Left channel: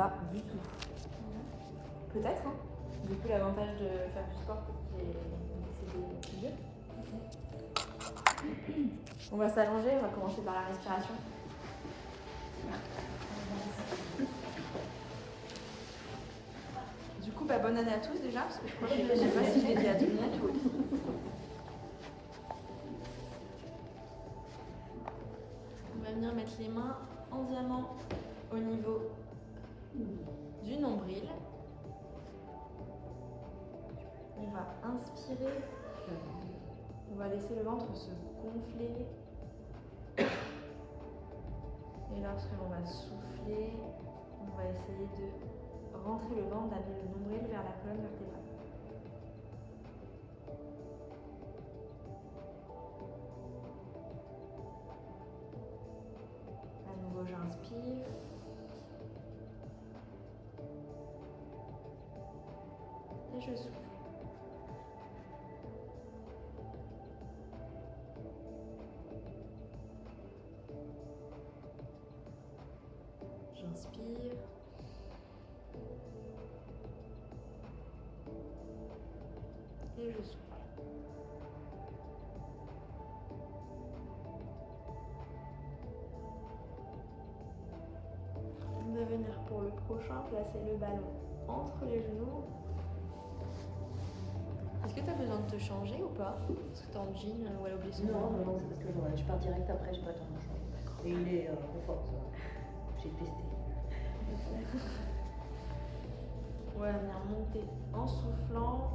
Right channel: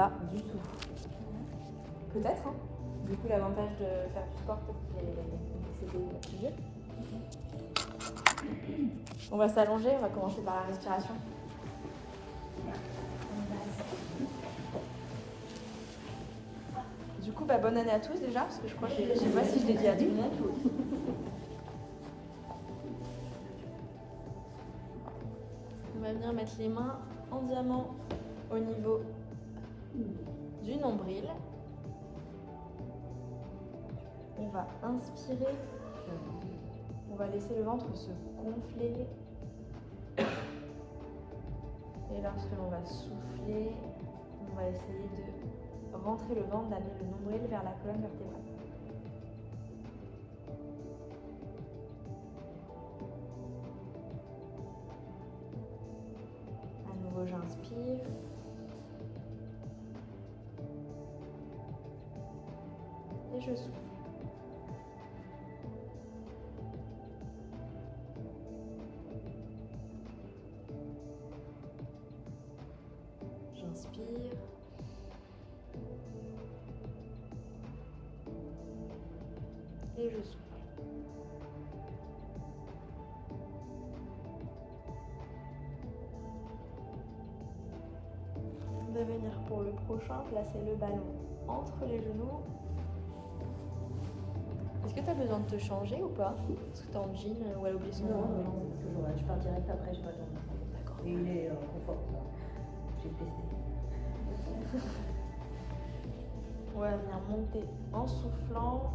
pas du tout. Peut-être, hein. Du coup, l'avantage de faire du sport, peut-être qu'il est décédé plus vieux. On va s'allonger, on va commencer par la respiration. Du coup, bonne année à tous déjà, parce que je crois que je ne sais pas si je l'ai dit à tout le monde. On va venir mettre les mains en diamant au niveau du nombril. On va inspirer. On va laisser le ventre se gonfler. Et lorsque l'on va souffler, on va essayer de rentrer le ventre, d'amener le nombril vers la colonne vertébrale. À nouveau, j'inspire. Et je souffle. J'inspire. Et je souffle. On va venir pour le prochain, placer le ballon entre les genoux. Est-ce que tu as besoin de te changer ou pas? Est-ce que tu es en jean ou à l'obligation? Non, parce que je pars direct après, j'ai pas le temps de me changer. D'accord. Et il est confort, ça. J'ai testé. On va venir monter en soufflant.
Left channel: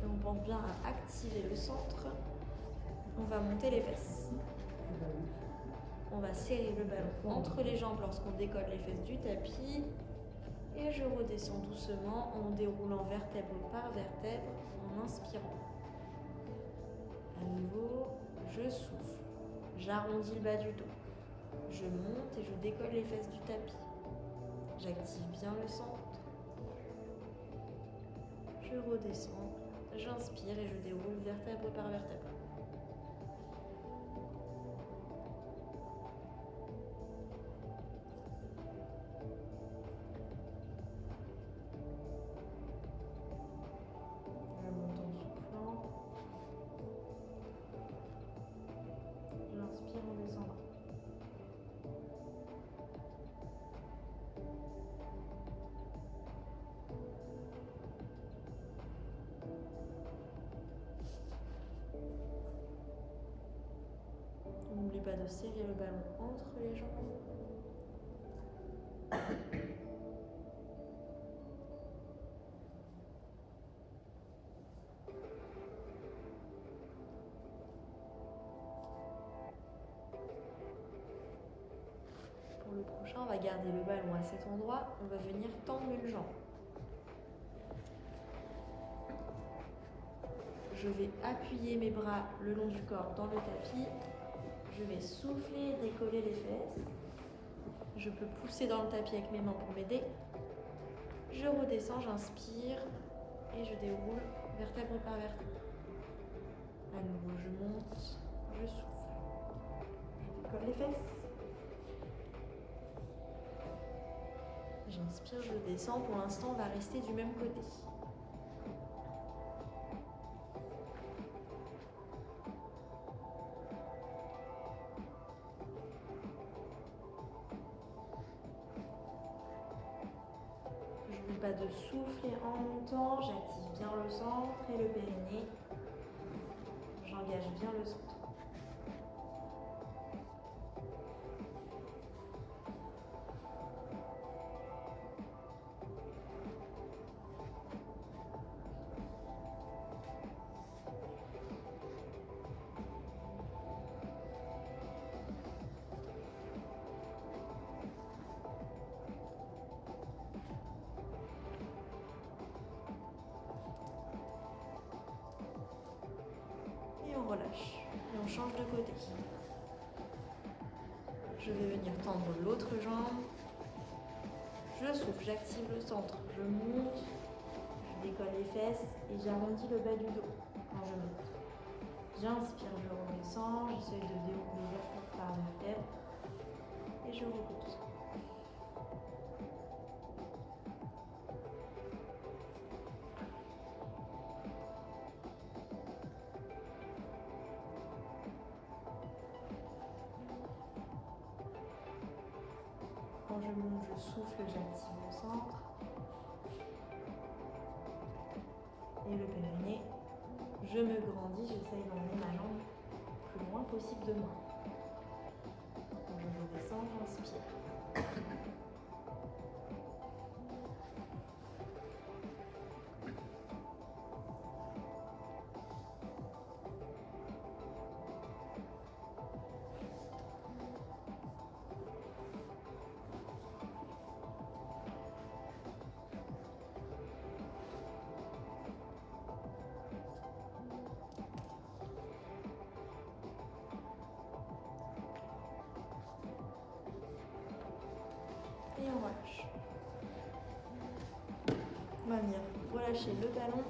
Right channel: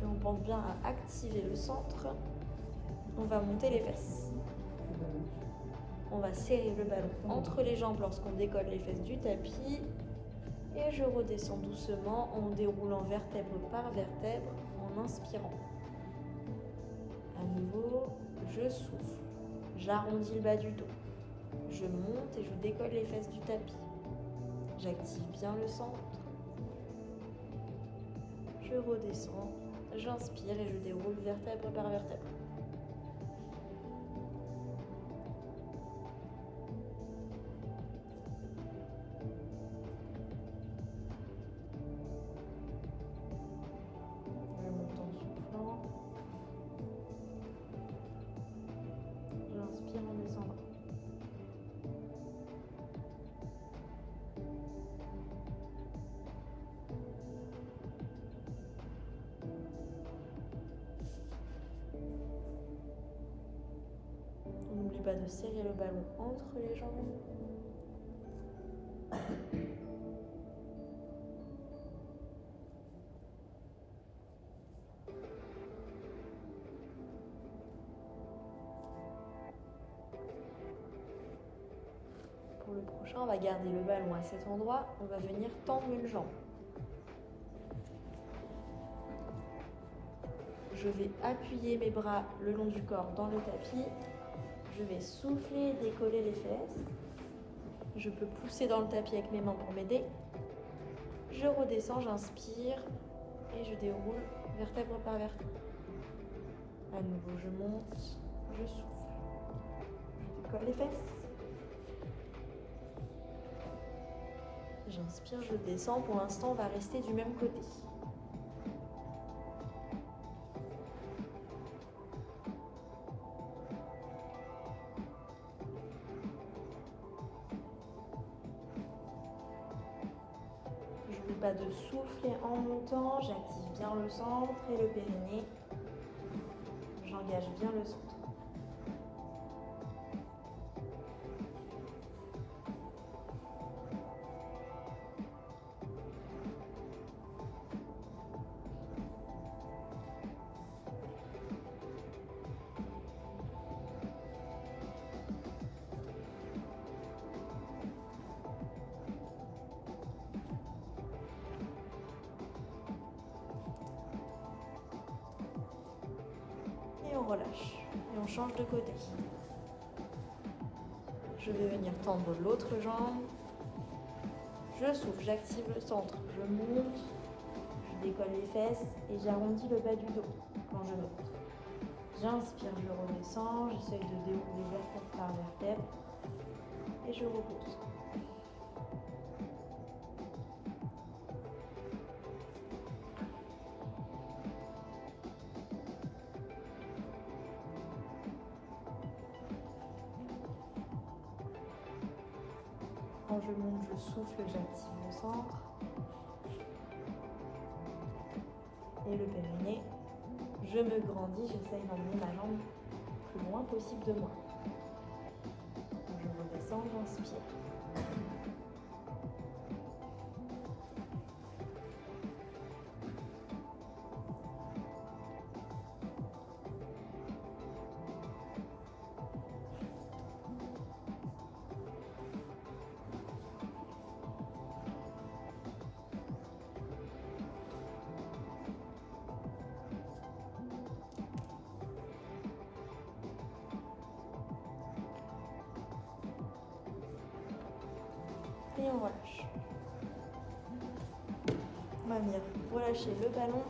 Et on pense bien à activer le centre. On va monter les fesses. On va serrer le ballon entre les jambes lorsqu'on décolle les fesses du tapis. Et je redescends doucement en déroulant vertèbre par vertèbre en inspirant. À nouveau, je souffle. J'arrondis le bas du dos. Je monte et je décolle les fesses du tapis. J'active bien le centre. Je redescends. J'inspire et je déroule vertèbre par vertèbre. Je monte en soufflant. J'inspire en descendant. N'oublie pas de serrer le ballon entre les jambes. Pour le prochain, on va garder le ballon à cet endroit. On va venir tendre une jambe. Je vais appuyer mes bras le long du corps dans le tapis. Je vais souffler, décoller les fesses. Je peux pousser dans le tapis avec mes mains pour m'aider. Je redescends, j'inspire et je déroule vertèbre par vertèbre. À nouveau, je monte, je souffle. Je décolle les fesses. J'inspire, je descends. Pour l'instant, on va rester du même côté. J'oublie pas de souffler en montant. J'active bien le centre et le périnée. J'engage bien le centre. Et on relâche. Et on change de côté. Je vais venir tendre l'autre jambe. Je souffle, j'active le centre. Je monte, je décolle les fesses et j'arrondis le bas du dos quand je monte. J'inspire, je redescends, j'essaye de dérouler vertèbre par vertèbre et je repose. Quand je monte, je souffle, j'active le centre. Et le périnée. Je me grandis, j'essaye d'emmener ma langue le plus loin possible de moi. Je redescends, j'inspire. Et on relâche. On va venir relâcher le ballon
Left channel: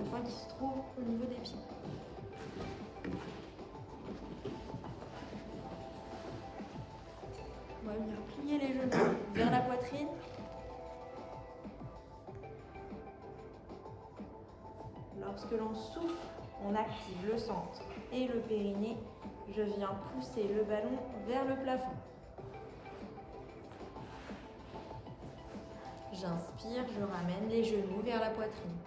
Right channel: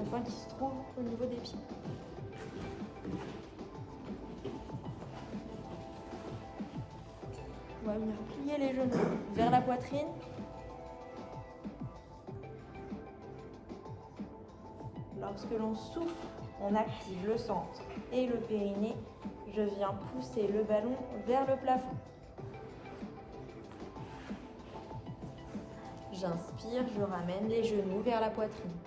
afin qu'il se trouve au niveau des pieds. On va venir plier les genoux vers la poitrine. Lorsque l'on souffle, on active le centre et le périnée. Je viens pousser le ballon vers le plafond. J'inspire, je ramène les genoux vers la poitrine.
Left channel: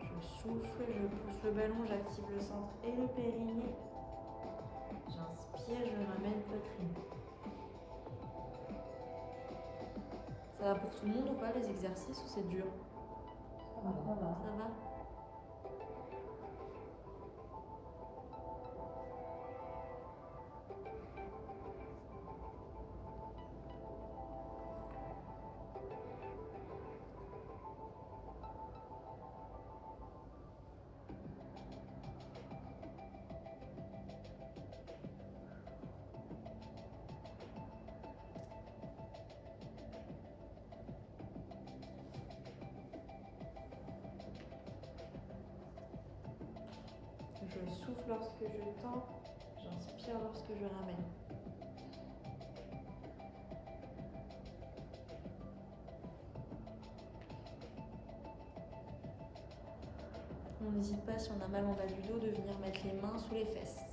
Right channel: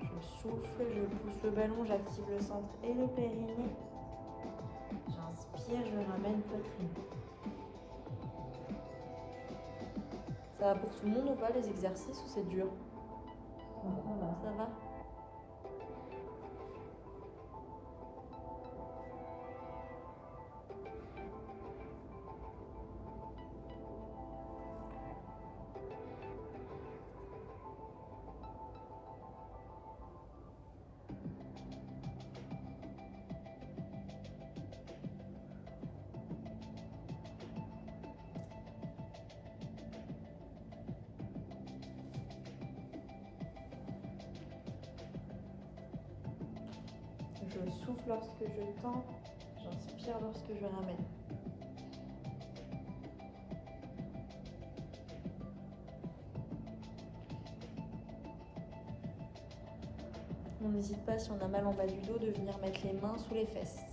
Je souffle, je pousse le ballon, j'active le centre et le périnée. J'inspire, je ramène poitrine. Ça va pour tout le monde ou pas les exercices ou c'est dur? Ça va? Je souffle lorsque je tends, j'inspire lorsque je ramène. On n'hésite pas, si on a mal en bas du dos, de venir mettre les mains sous les fesses.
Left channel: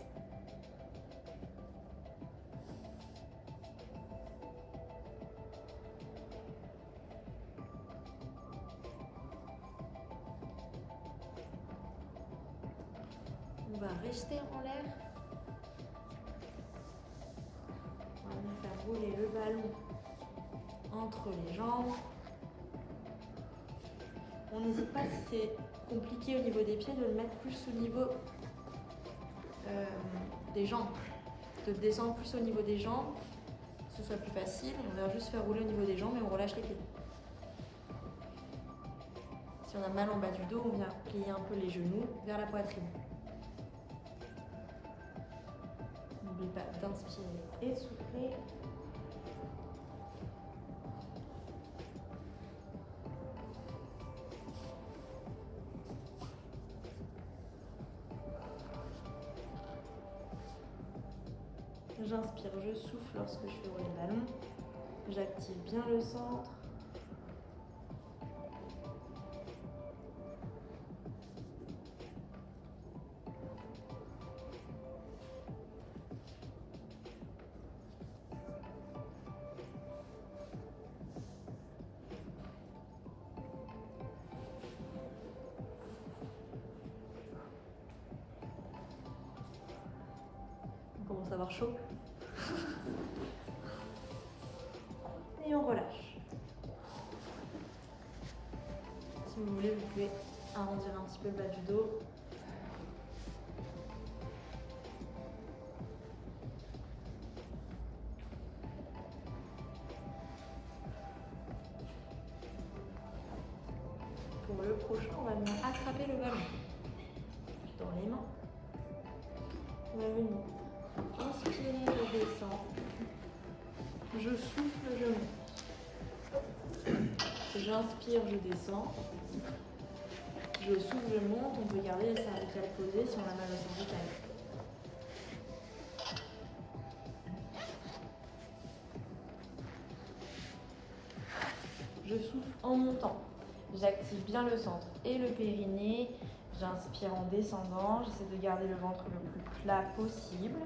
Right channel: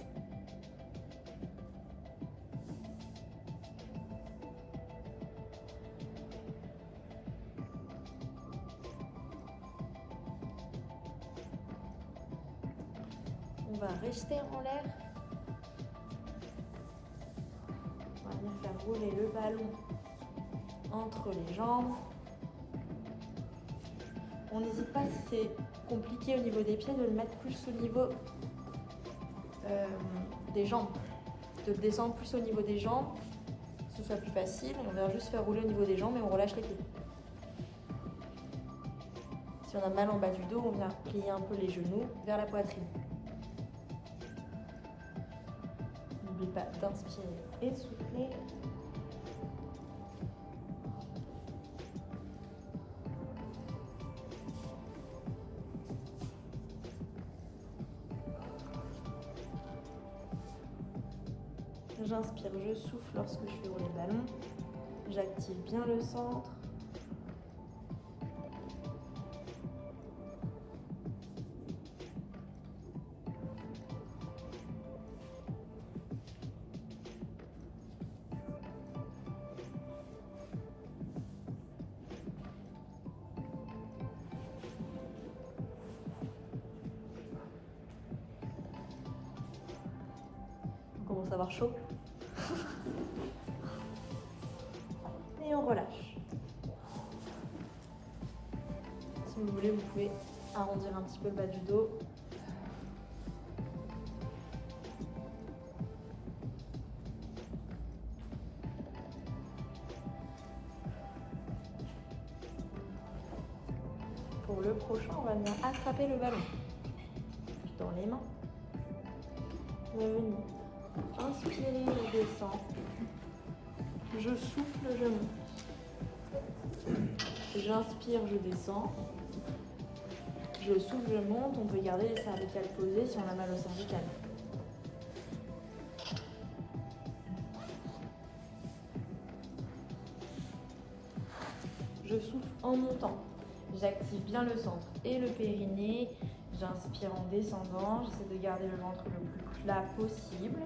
On va rester en l'air. On va venir faire rouler le ballon entre les jambes. On n'hésite pas, si c'est compliqué au niveau des pieds, de le mettre plus au niveau des jambes. De descendre plus au niveau des jambes, que ce soit plus facile. On va juste faire rouler au niveau des jambes et on relâche les pieds. Si on a mal en bas du dos, on vient plier un peu les genoux vers la poitrine. N'oublie pas d'inspirer et souffler. J'inspire, je souffle lorsque je fais rouler le ballon. J'active bien le centre. On commence à avoir chaud. Et on relâche. Si vous voulez, vous pouvez arrondir un petit peu le bas du dos. Pour le prochain, on va venir attraper le ballon dans les mains. On va venir inspirer, je descends. Je souffle, je monte. J'inspire, je descends. Je souffle, je monte. On peut garder les cervicales posées si on a mal au cervical. Je souffle en montant. J'active bien le centre et le périnée. J'inspire en descendant. J'essaie de garder le ventre le plus plat possible.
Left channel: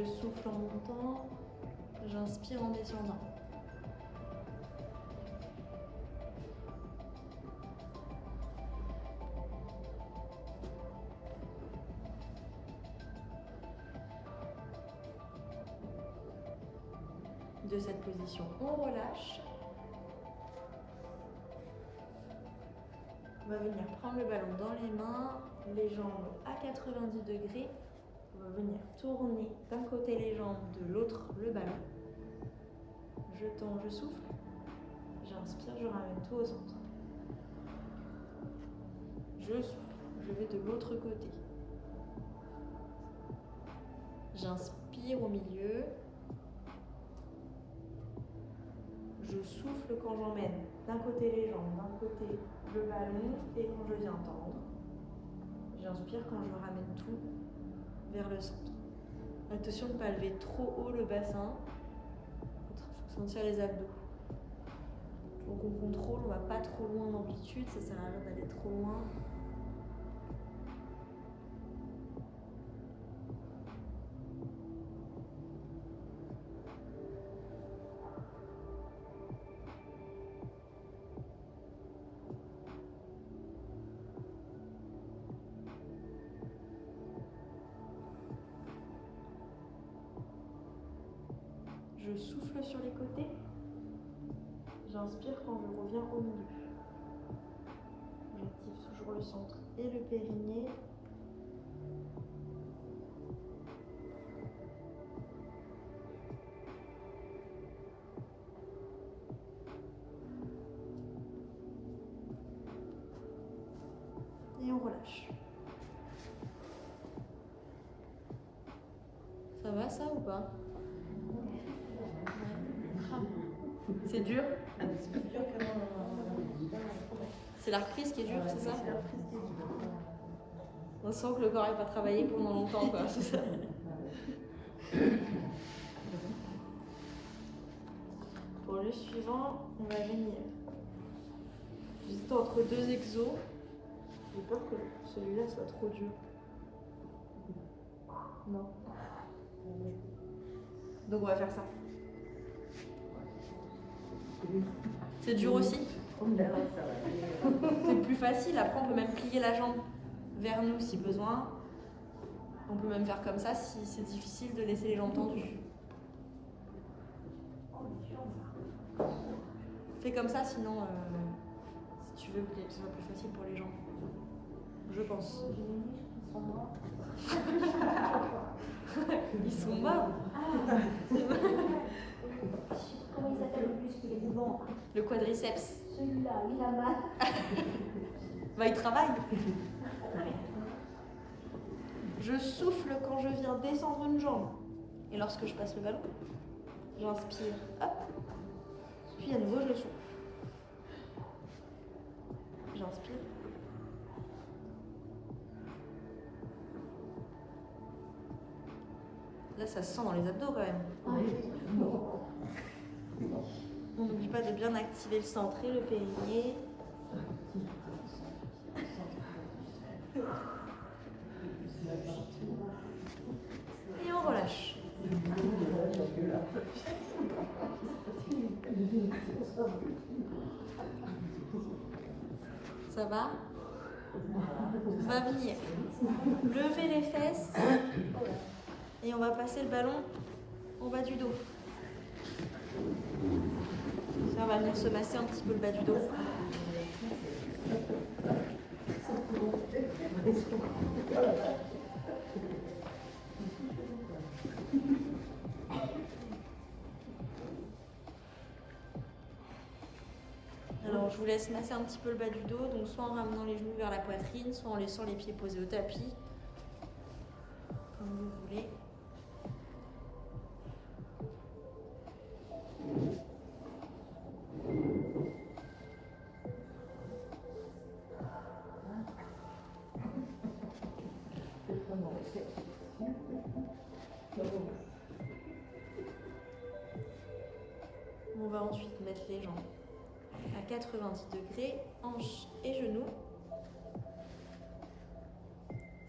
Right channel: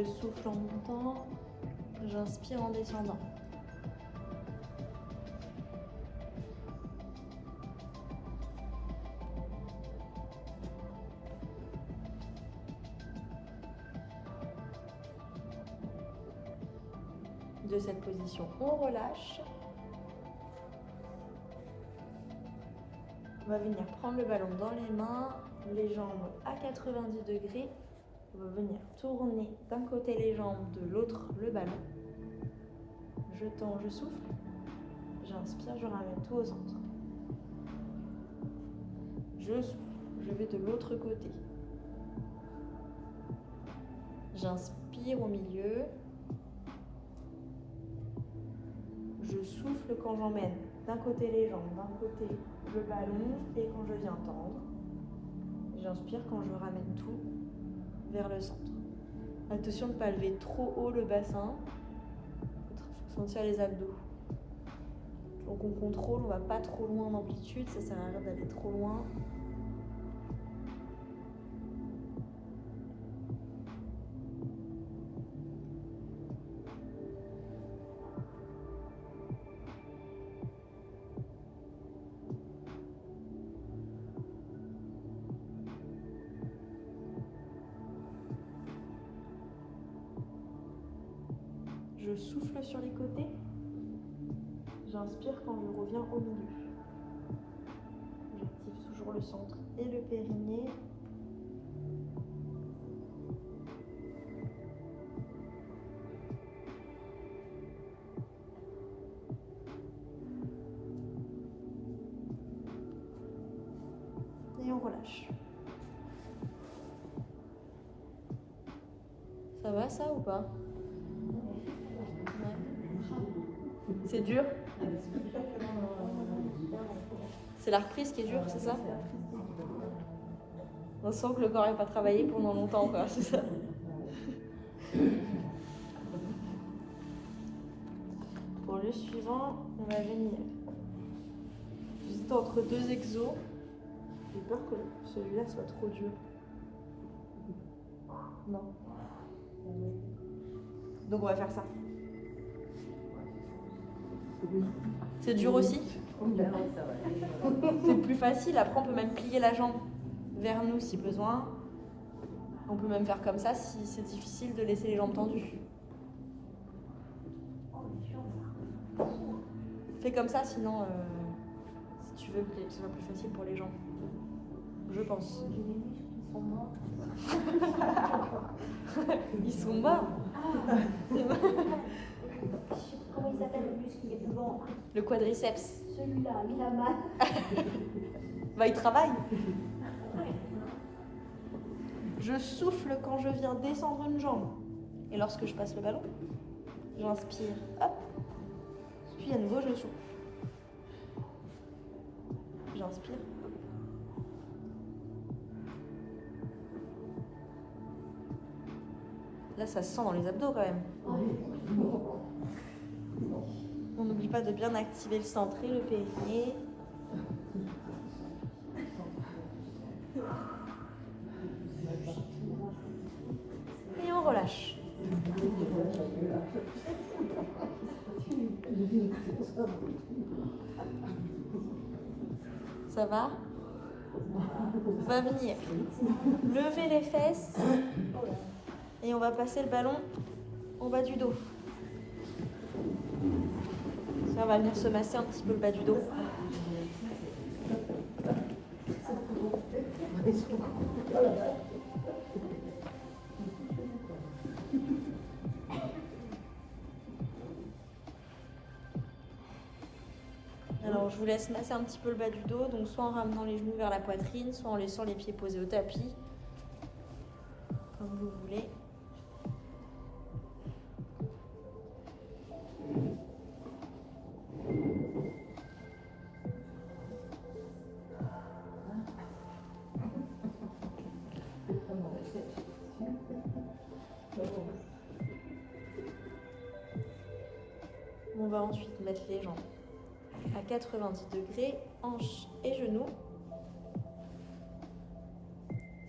Je souffle en montant, j'inspire en descendant. De cette position, on relâche. On va venir prendre le ballon dans les mains, les jambes à 90 degrés. On va venir tourner d'un côté les jambes, de l'autre le ballon. Je tends, je souffle. J'inspire, je ramène tout au centre. Je souffle, je vais de l'autre côté. J'inspire au milieu. Je souffle quand j'emmène d'un côté les jambes, d'un côté le ballon et quand je viens tendre. J'inspire quand je ramène tout vers le centre. Attention de ne pas lever trop haut le bassin. Sentir les abdos. Donc on contrôle, on ne va pas trop loin d'amplitude, ça sert à rien d'aller trop loin. Je souffle sur les côtés. J'inspire quand je reviens au milieu. J'active toujours le centre et le périnée. Et on relâche. Ça va ça ou pas? C'est dur? C'est plus dur qu'avant. C'est la reprise qui est dure, c'est ça? On sent que le corps n'a pas travaillé pendant longtemps, quoi, c'est ça? Pour le suivant, on va venir juste entre deux exos. J'ai peur que celui-là soit trop dur. Non. Donc on va faire ça. C'est dur aussi? C'est plus facile. Après, on peut même plier la jambe vers nous si besoin. On peut même faire comme ça si c'est difficile de laisser les jambes tendues. Fais comme ça, sinon, si tu veux, ce sera plus facile pour les jambes. Je pense. Ils sont morts. Comment il s'appelle le muscle qui est devant? Le quadriceps. Celui-là, il a mal. Bah, il travaille. Je souffle quand je viens descendre une jambe. Et lorsque je passe le ballon, j'inspire, hop. Puis à nouveau, je souffle. J'inspire. Là, ça se sent dans les abdos quand même. On n'oublie pas de bien activer le centre et le périnée. Et on relâche. Ça va? On va venir lever les fesses et on va passer le ballon au bas du dos. Ça, on va venir se masser un petit peu le bas du dos. Alors, je vous laisse masser un petit peu le bas du dos, donc soit en ramenant les genoux vers la poitrine, soit en laissant les pieds posés au tapis, comme vous voulez. On va ensuite mettre les jambes à 90 degrés, hanches et genoux.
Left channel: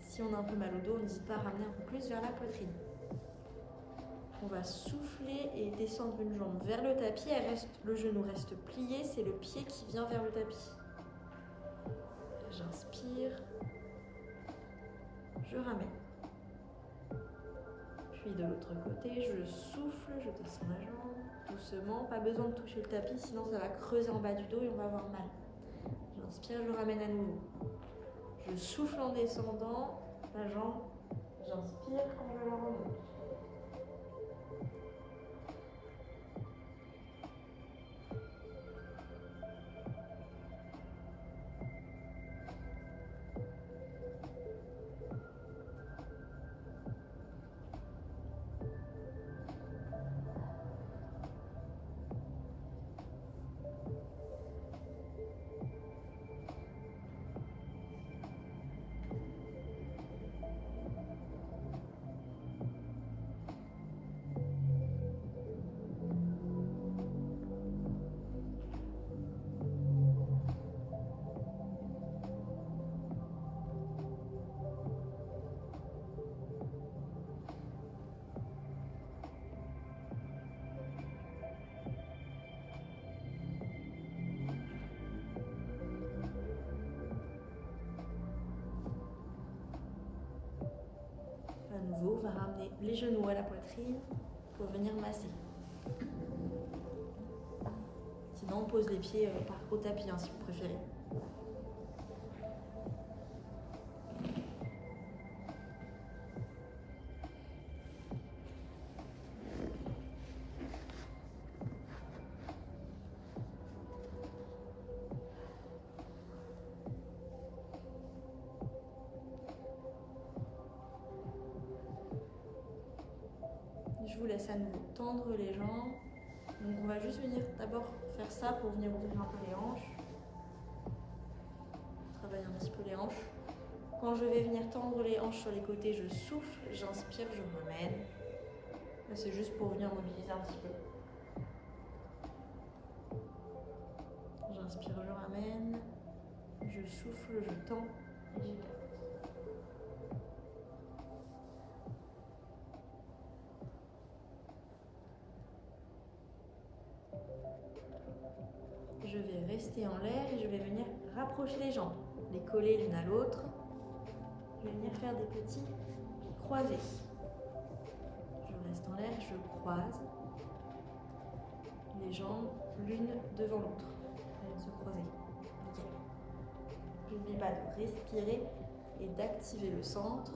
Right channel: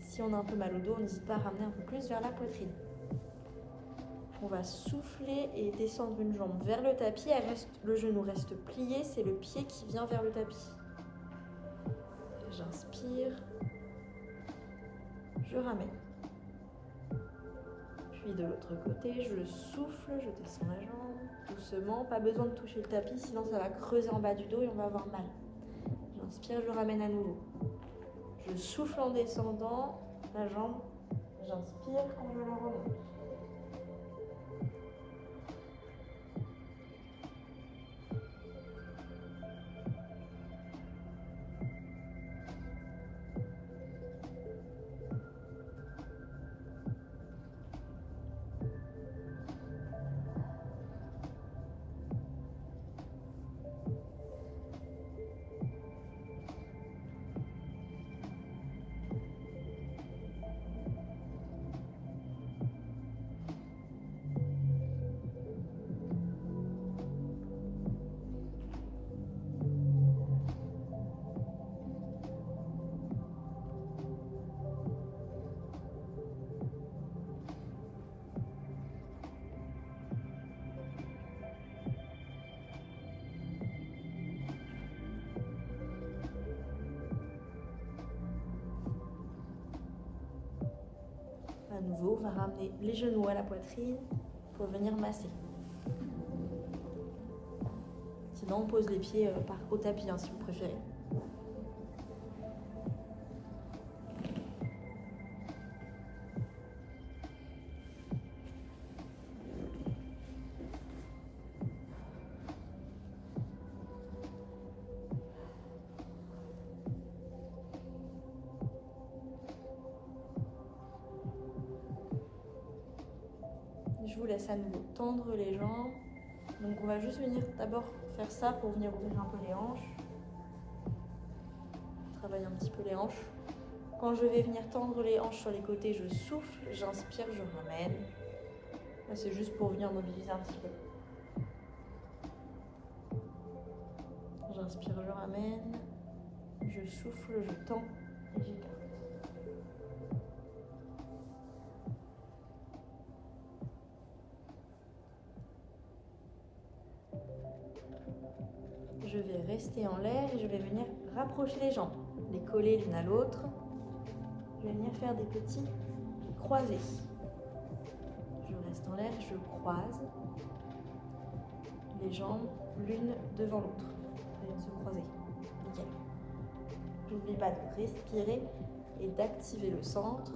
Si on a un peu mal au dos, on n'hésite pas à ramener un peu plus vers la poitrine. On va souffler et descendre une jambe vers le tapis. Le genou reste plié, c'est le pied qui vient vers le tapis. J'inspire. Je ramène. Puis de l'autre côté, je souffle, je descends la jambe doucement. Pas besoin de toucher le tapis, sinon ça va creuser en bas du dos et on va avoir mal. J'inspire, je ramène à nouveau. Je souffle en descendant la jambe. J'inspire quand je la remonte. À nouveau, on va ramener les genoux à la poitrine pour venir masser. Sinon, on pose les pieds au tapis, si vous préférez. Je vous laisse à nouveau tendre les jambes. Donc on va juste venir d'abord faire ça pour venir ouvrir un peu les hanches. Travailler un petit peu les hanches. Quand je vais venir tendre les hanches sur les côtés, je souffle, j'inspire, je ramène. Là c'est juste pour venir mobiliser un petit peu. J'inspire, je ramène. Je souffle, je tends et j'écarte. Je vais rester en l'air et je vais venir rapprocher les jambes, les coller l'une à l'autre. Je vais venir faire des petits croisés. Je reste en l'air, je croise les jambes l'une devant l'autre. Elles viennent se croiser. Nickel. N'oublie pas de respirer et d'activer le centre.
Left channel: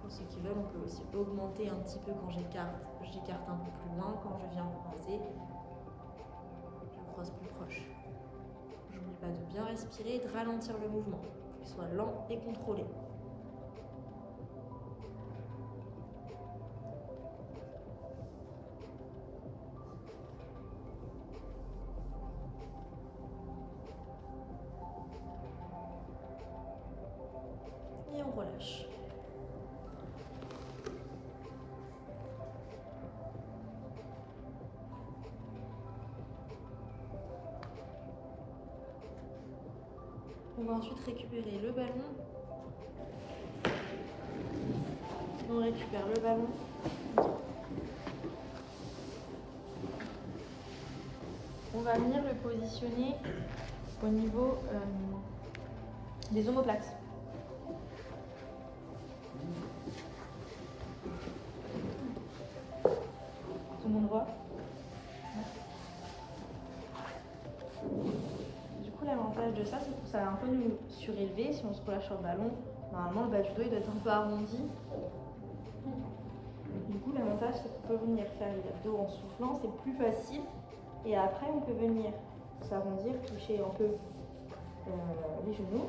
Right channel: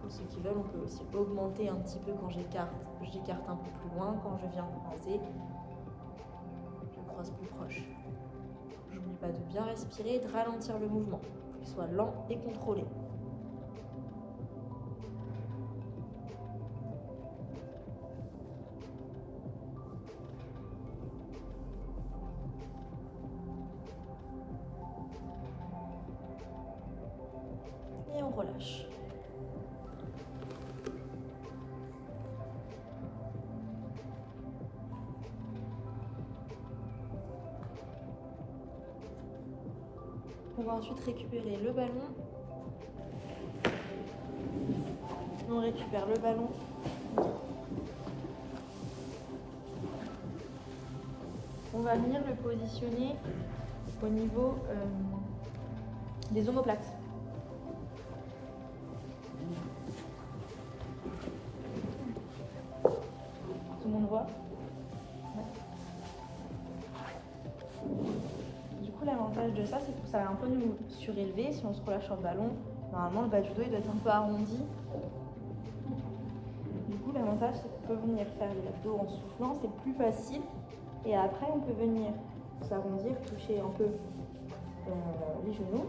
Pour ceux qui veulent, on peut aussi augmenter un petit peu quand j'écarte. J'écarte un peu plus loin. Quand je viens croiser, je croise plus proche. N'oublie pas de bien respirer et de ralentir le mouvement, qu'il soit lent et contrôlé. Et on relâche. On va ensuite récupérer le ballon. On récupère le ballon. On va venir le positionner au niveau des omoplates. Tout le monde voit ? Ouais. Du coup, l'avantage de ça, c'est que ça va un peu nous surélever. Si on se relâche sur le ballon, normalement, le bas du dos il doit être un peu arrondi. Du coup, l'avantage, c'est qu'on peut venir faire les abdos en soufflant, c'est plus facile. Et après, on peut venir s'arrondir, toucher un peu les genoux.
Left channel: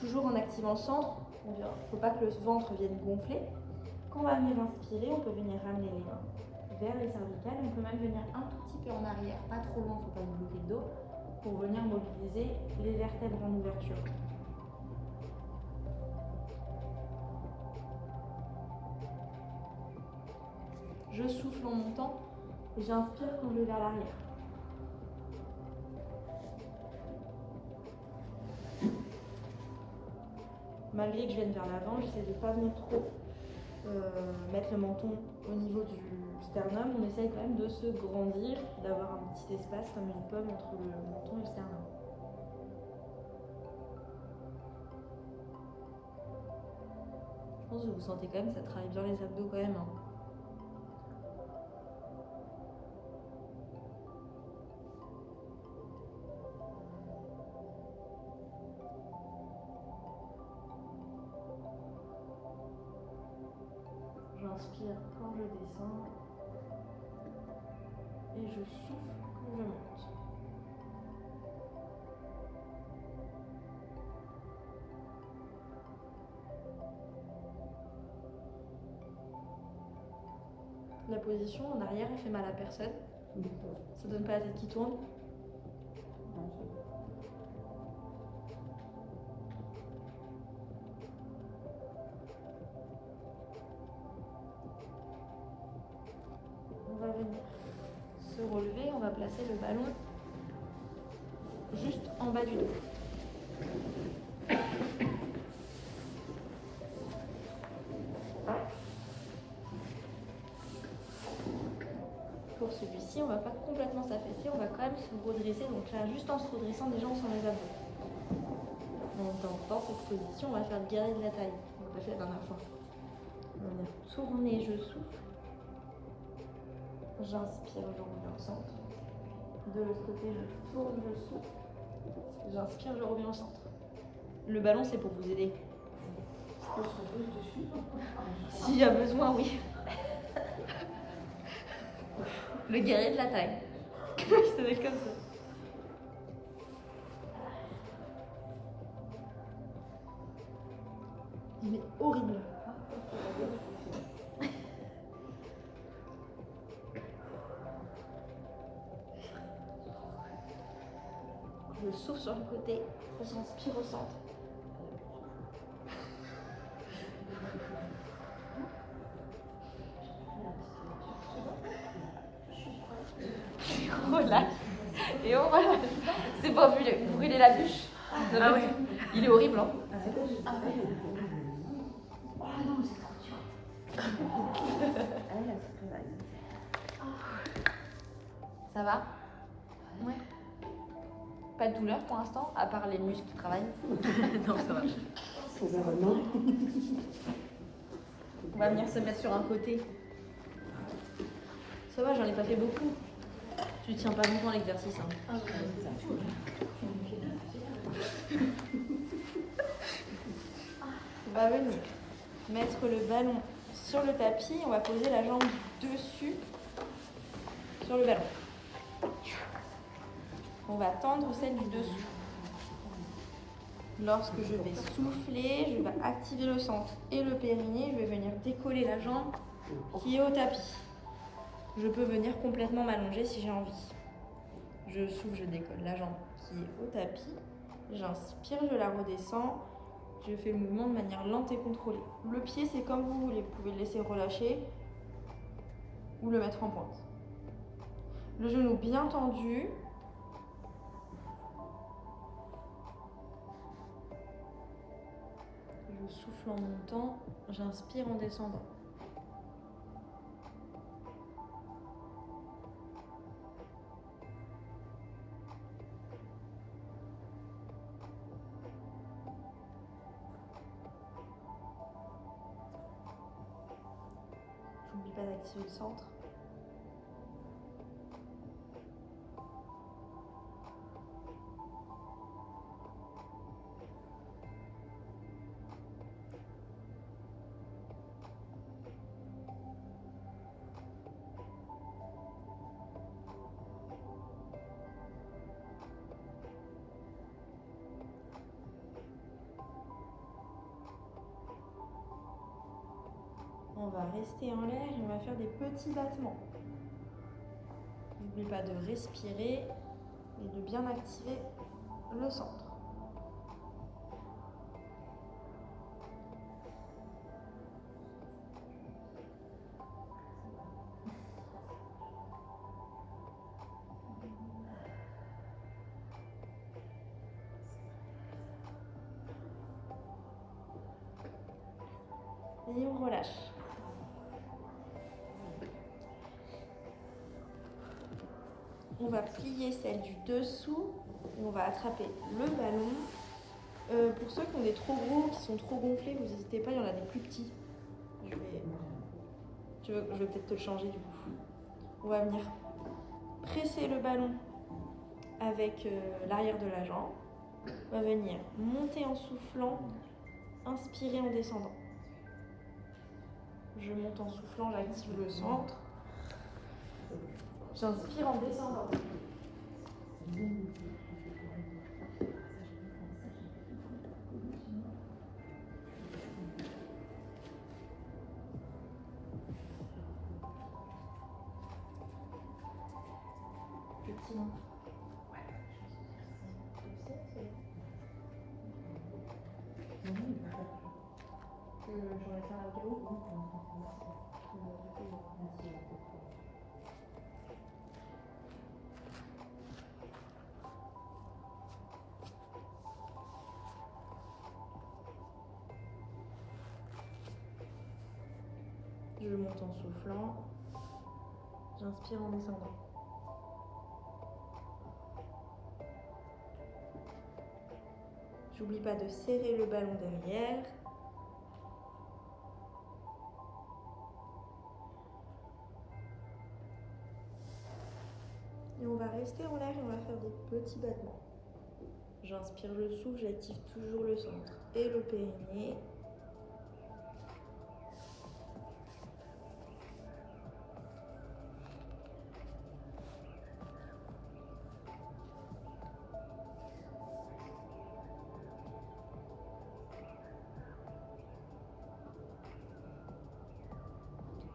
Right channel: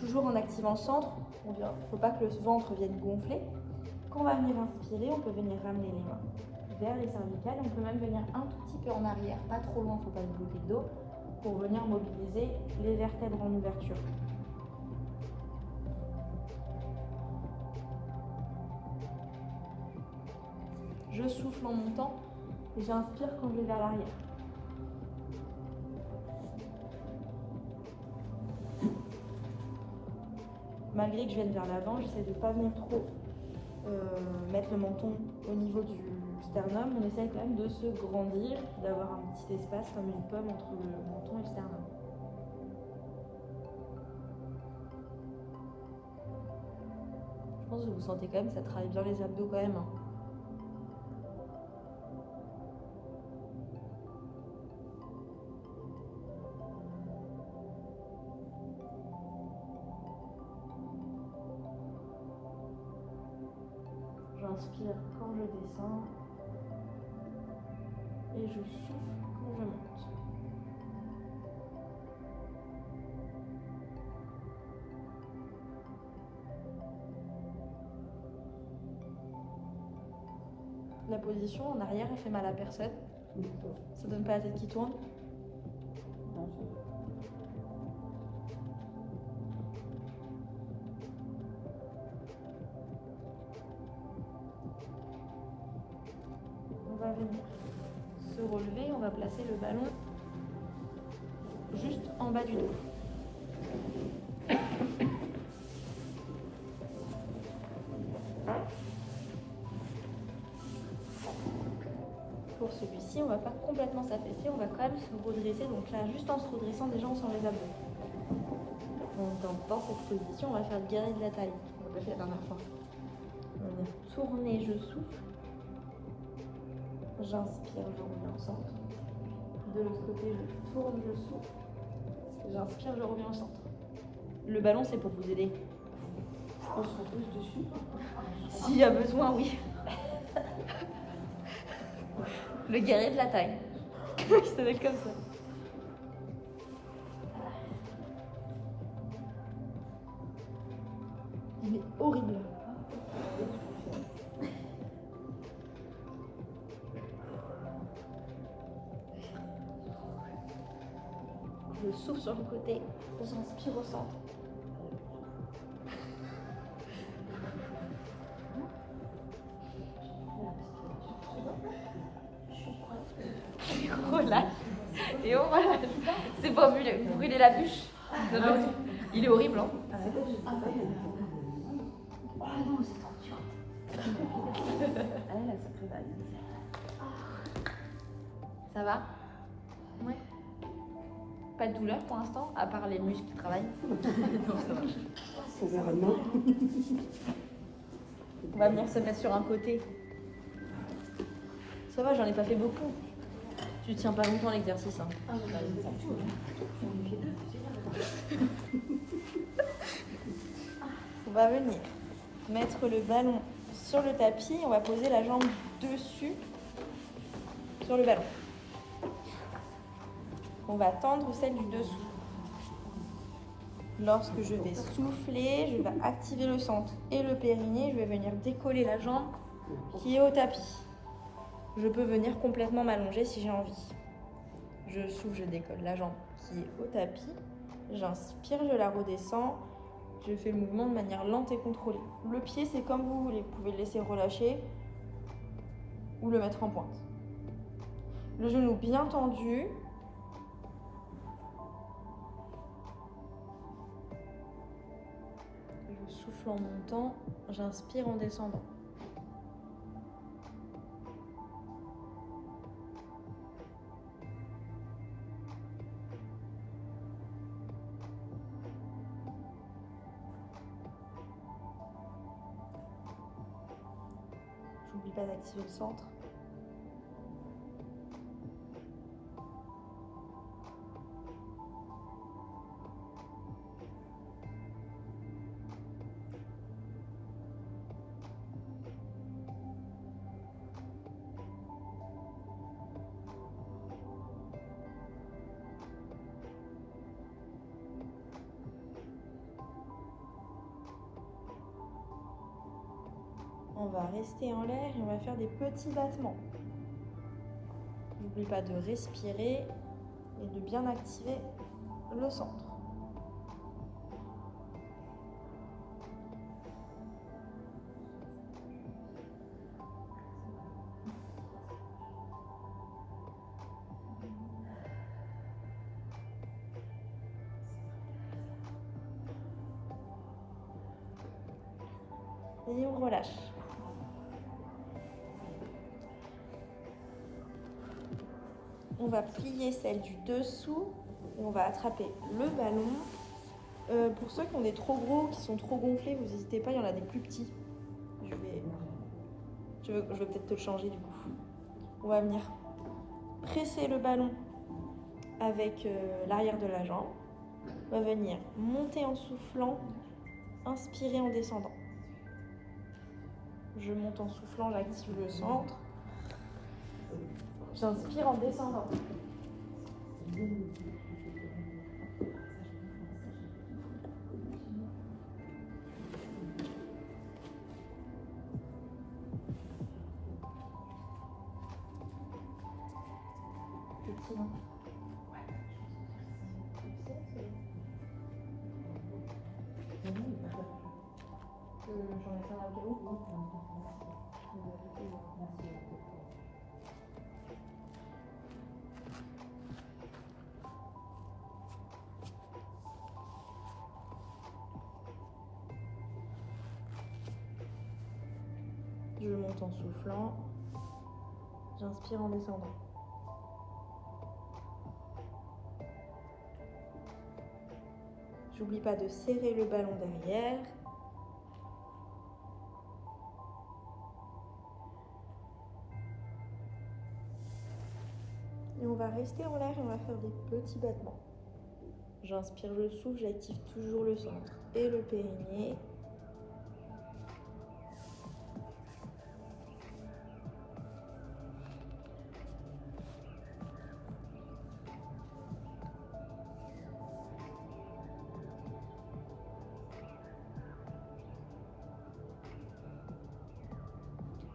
Toujours en activant le centre. Il ne faut pas que le ventre vienne gonfler. Quand on va venir inspirer, on peut venir ramener les mains vers les cervicales. On peut même venir un tout petit peu en arrière, pas trop loin, il ne faut pas se bloquer le dos, pour venir mobiliser les vertèbres en ouverture. Je souffle en montant et j'inspire quand je vais vers l'arrière. malgré que je vienne vers l'avant, j'essaie de ne pas venir trop mettre le menton au niveau du sternum. On essaye quand même de se grandir, d'avoir un petit espace comme une pomme entre le menton et le sternum. Je pense que vous sentez quand même, ça travaille bien les abdos quand même. Hein. J'inspire quand je descends et je souffle quand je monte. La position en arrière, elle fait mal à personne. Ça donne pas la tête qui tourne. On va venir se relever, on va placer le ballon juste en bas du dos. Pour celui-ci, on ne va pas complètement s'affaisser, on va quand même se redresser. Donc là, juste en se redressant, déjà on sent les abdos. Dans cette position, on va faire le guerrier de la taille. On n'a pas fait la dernière fois. On va venir tourner, je souffle. J'inspire, je reviens au centre. De l'autre côté, je tourne, je souffle. J'inspire, je reviens au centre. Le ballon, c'est pour vous aider. On se repose dessus. S'il y a besoin, oui. Le guerrier de la taille. Ça va être comme ça. Il est horrible. Je souffle sur le côté, j'inspire au centre. Relâche. Et on relâche. C'est pas brûler la bûche. Il est horrible, hein. Ah non, c'est trop dur. Ça va? Ouais. Pas de douleur pour l'instant, à part les muscles qui travaillent. Non, ça va. On va venir se mettre sur un côté. Ça va, j'en ai pas fait beaucoup. Tu tiens pas longtemps l'exercice. Hein. On va venir mettre le ballon sur le tapis. On va poser la jambe dessus sur le ballon. On va tendre celle du dessous. Lorsque je vais souffler, je vais activer le centre et le périnée. Je vais venir décoller la jambe qui est au tapis. Je peux venir complètement m'allonger si j'ai envie. Je souffle, je décolle la jambe qui est au tapis. J'inspire, je la redescends. Je fais le mouvement de manière lente et contrôlée. Le pied, c'est comme vous voulez. Vous pouvez le laisser relâcher ou le mettre en pointe. Le genou bien tendu. Je souffle en montant, j'inspire en descendant. J'oublie pas d'activer le centre. On va rester en l'air et on va faire des petits battements. N'oublie pas de respirer et de bien activer le centre. Et on relâche. On va plier celle du dessous et on va attraper le ballon. Pour ceux qui ont des trop gros, qui sont trop gonflés, vous n'hésitez pas, il y en a des plus petits. Je vais peut-être te le changer du coup. On va venir presser le ballon avec l'arrière de la jambe. On va venir monter en soufflant, inspirer en descendant. Je monte en soufflant, j'active le centre. J'inspire en descendant. Petit, hein. J'en ai fait un au cas où. Je monte en soufflant. J'inspire en descendant. J'oublie pas de serrer le ballon derrière. Et on va rester en l'air et on va faire des petits battements. J'inspire, je souffle, j'active toujours le centre et le périnée.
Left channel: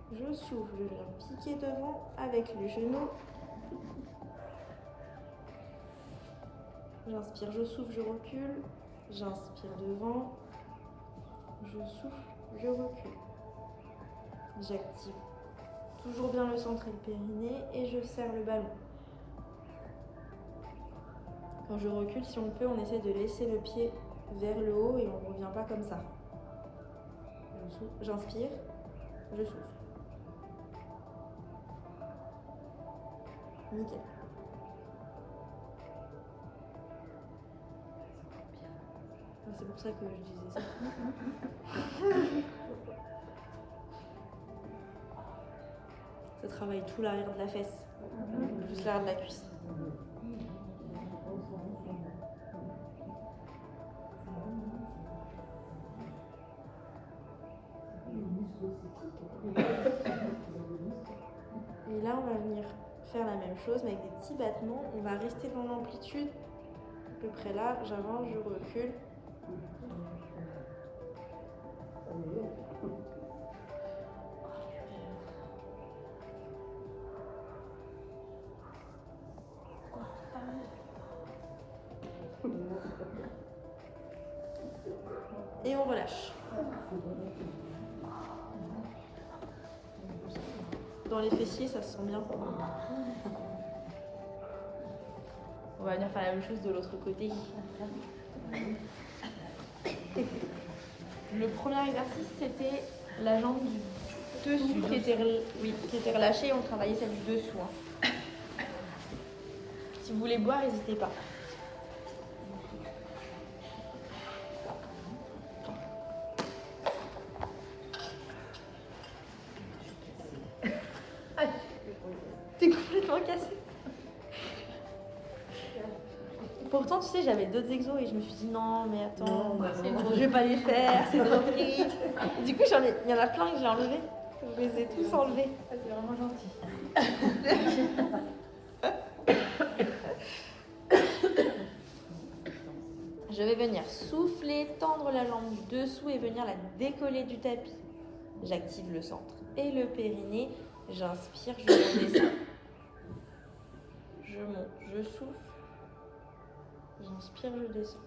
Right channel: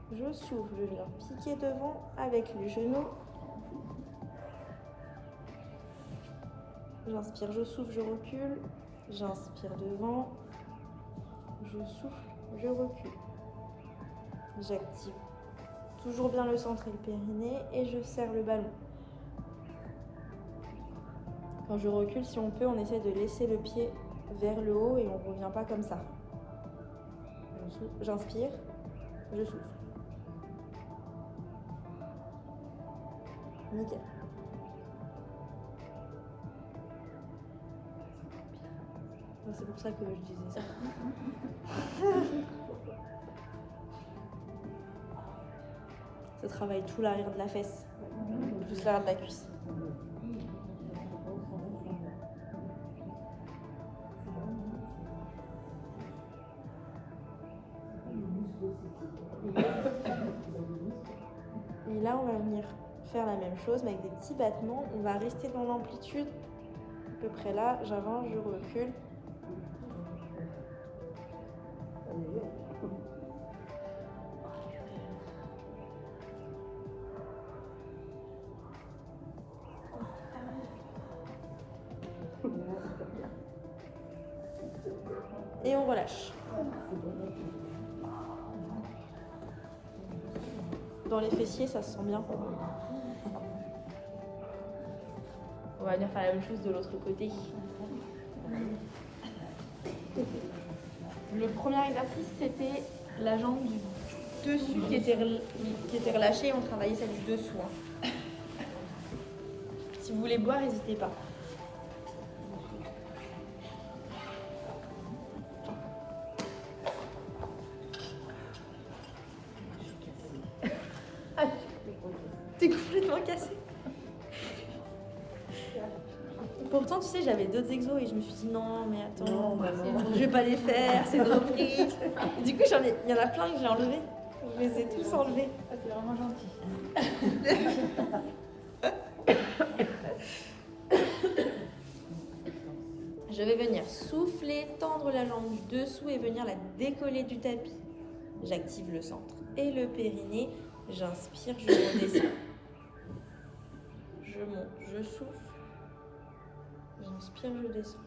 Je souffle, je viens piquer devant avec les genoux. J'inspire, je souffle, je recule. J'inspire devant. Je souffle, je recule. J'active toujours bien le centre et le périnée et je serre le ballon. Quand je recule, si on peut, on essaie de laisser le pied vers le haut et on ne revient pas comme ça. J'inspire, je souffle. Nickel. C'est pour ça que je disais ça. Ça travaille tout l'arrière de la fesse, plus l'arrière de la cuisse. Et là, on va venir faire la même chose, mais avec des petits battements. On va rester dans l'amplitude, à peu près là. J'avance, je recule. Et on relâche. Dans les fessiers, ça se sent bien. On va venir faire la même chose de l'autre côté. Le premier exercice, c'était la jambe du dessus qui était relâchée. On travaillait celle du dessous. Hein. Si vous voulez boire, n'hésitez pas. T'es complètement cassé. Pourtant, tu sais, j'avais d'autres exos et je me suis dit non, mais attends, je vais pas les faire, c'est trop triste. Et du coup, il y en a plein que j'ai enlevés. Je les ai tous enlevés. C'est vraiment gentil. Je vais venir souffler, tendre la jambe du dessous et venir la décoller du tapis. J'active le centre et le périnée. J'inspire, je redescends. Je monte, je souffle. J'inspire, je descends.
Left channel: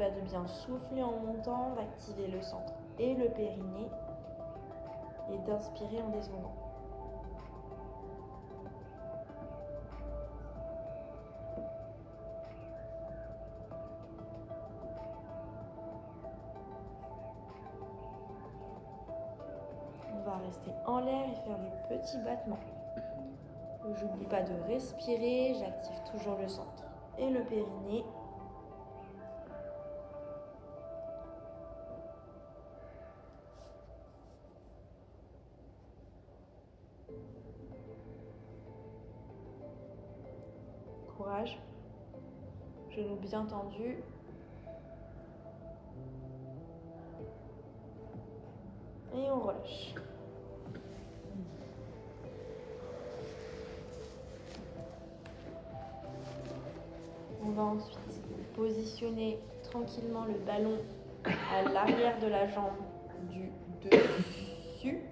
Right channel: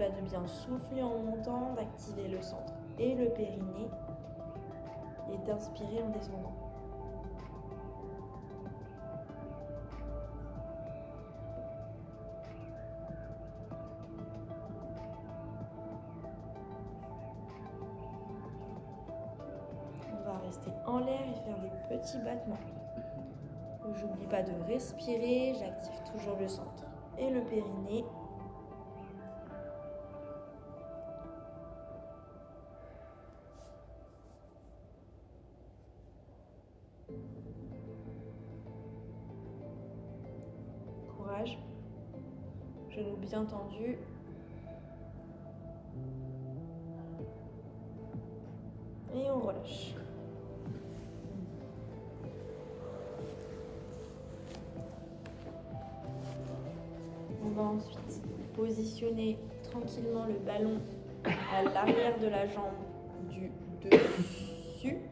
pas de bien souffler en montant, d'activer le centre et le périnée et d'inspirer en descendant. On va rester en l'air et faire des petits battements. J'oublie pas de respirer, j'active toujours le centre et le périnée. Courage. Genoux bien tendus. Et on relâche. On va ensuite positionner tranquillement le ballon à l'arrière de la jambe du dessus.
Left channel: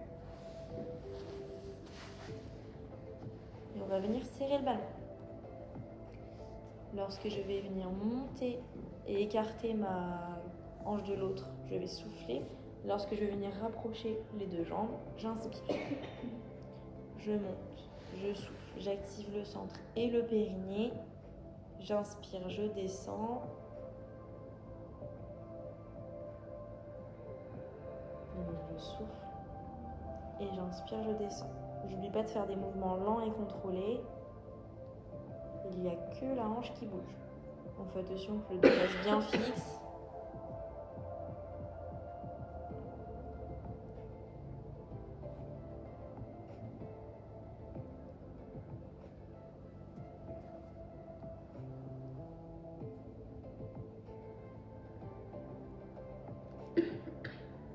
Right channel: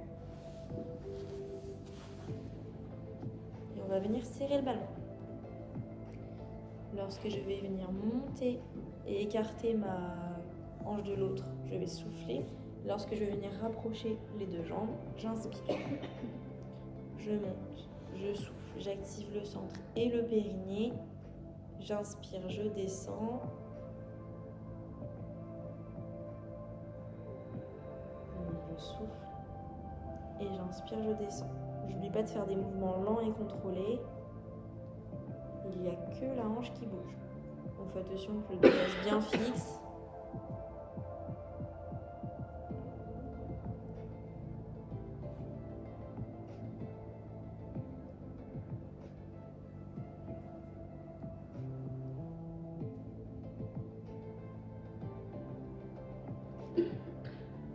Et on va venir serrer le ballon. Lorsque je vais venir monter et écarter ma hanche de l'autre, je vais souffler. Lorsque je vais venir rapprocher les deux jambes, j'inspire. Je monte, je souffle, j'active le centre et le périnée. J'inspire, je descends. Je souffle et j'inspire, je descends. N'oublie pas de faire des mouvements lents et contrôlés. Il n'y a que la hanche qui bouge. On fait attention que le dos reste bien fixe.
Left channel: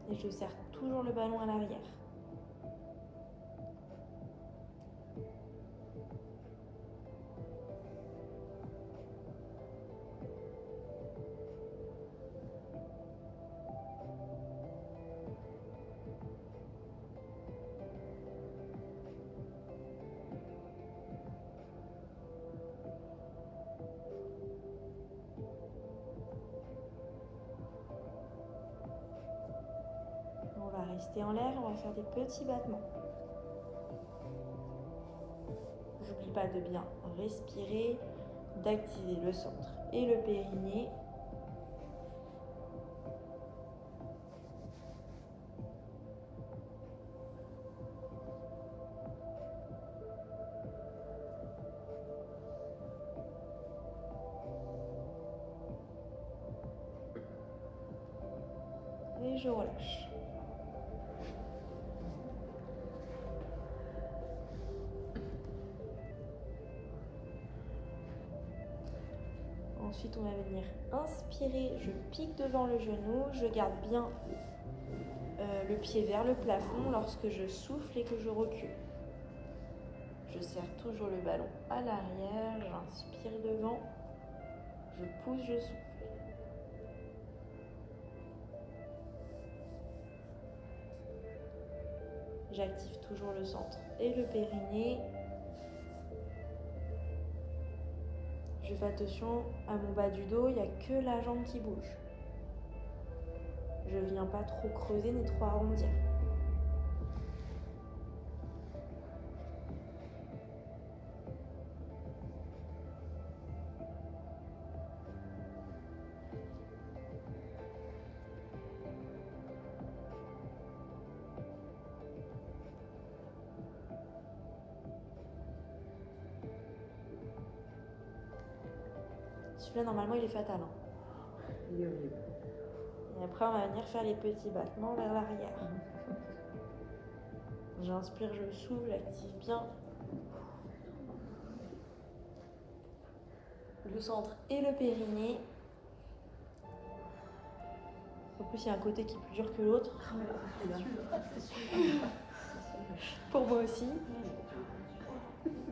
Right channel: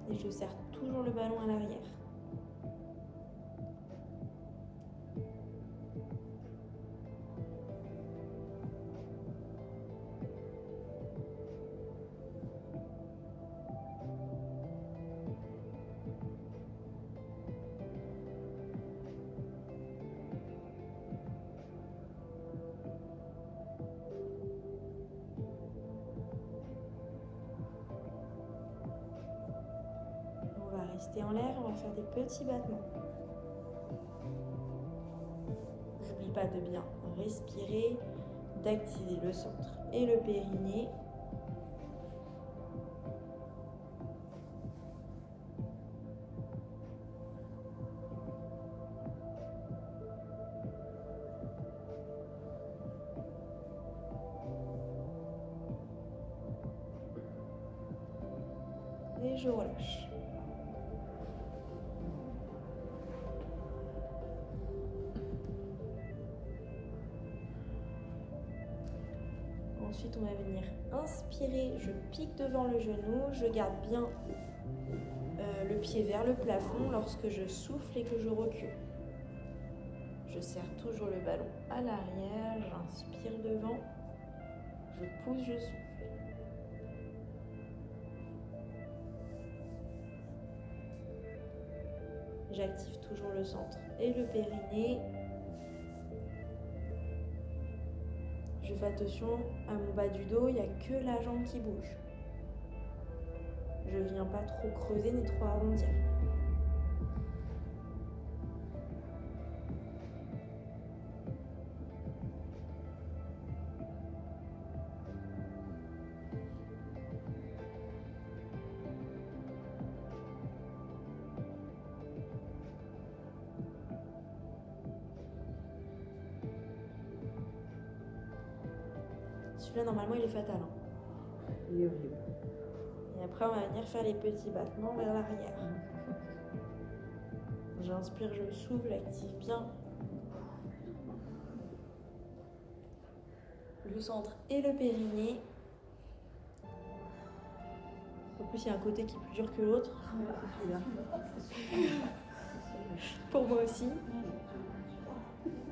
Et je serre toujours le ballon à l'arrière. On va rester en l'air, on va faire des petits battements. J'oublie pas de bien respirer, d'activer le centre et le périnée. Et je relâche. Ensuite, on va venir inspirer, je pique devant le genou, je garde bien le pied vers le plafond lorsque je souffle et que je recule. Je serre toujours le ballon à l'arrière, j'inspire devant, je pousse, je souffle. J'active toujours le centre et le périnée. Je fais attention à mon bas du dos, il n'y a que la jambe qui bouge. Je ne viens pas trop creuser ni trop arrondir. Celui-là, normalement, il est fatal. Il est horrible. Et après, on va venir faire les petits battements vers l'arrière. J'inspire, je souffle, j'active bien le centre et le périnée. En plus, il y a un côté qui est plus dur que l'autre. Pour moi aussi.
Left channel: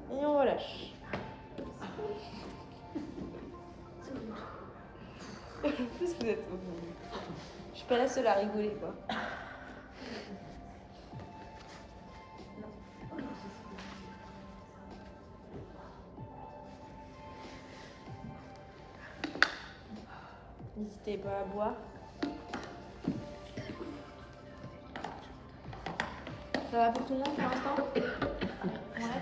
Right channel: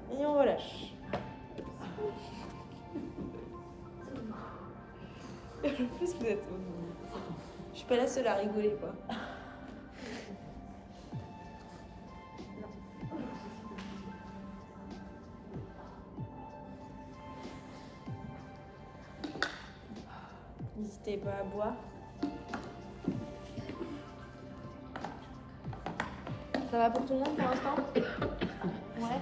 Et on relâche. En plus, vous êtes... Je suis pas la seule à rigoler, quoi. N'hésitez N'hésitez pas à boire. Ça va pour tout le monde pour l'instant? Ouais.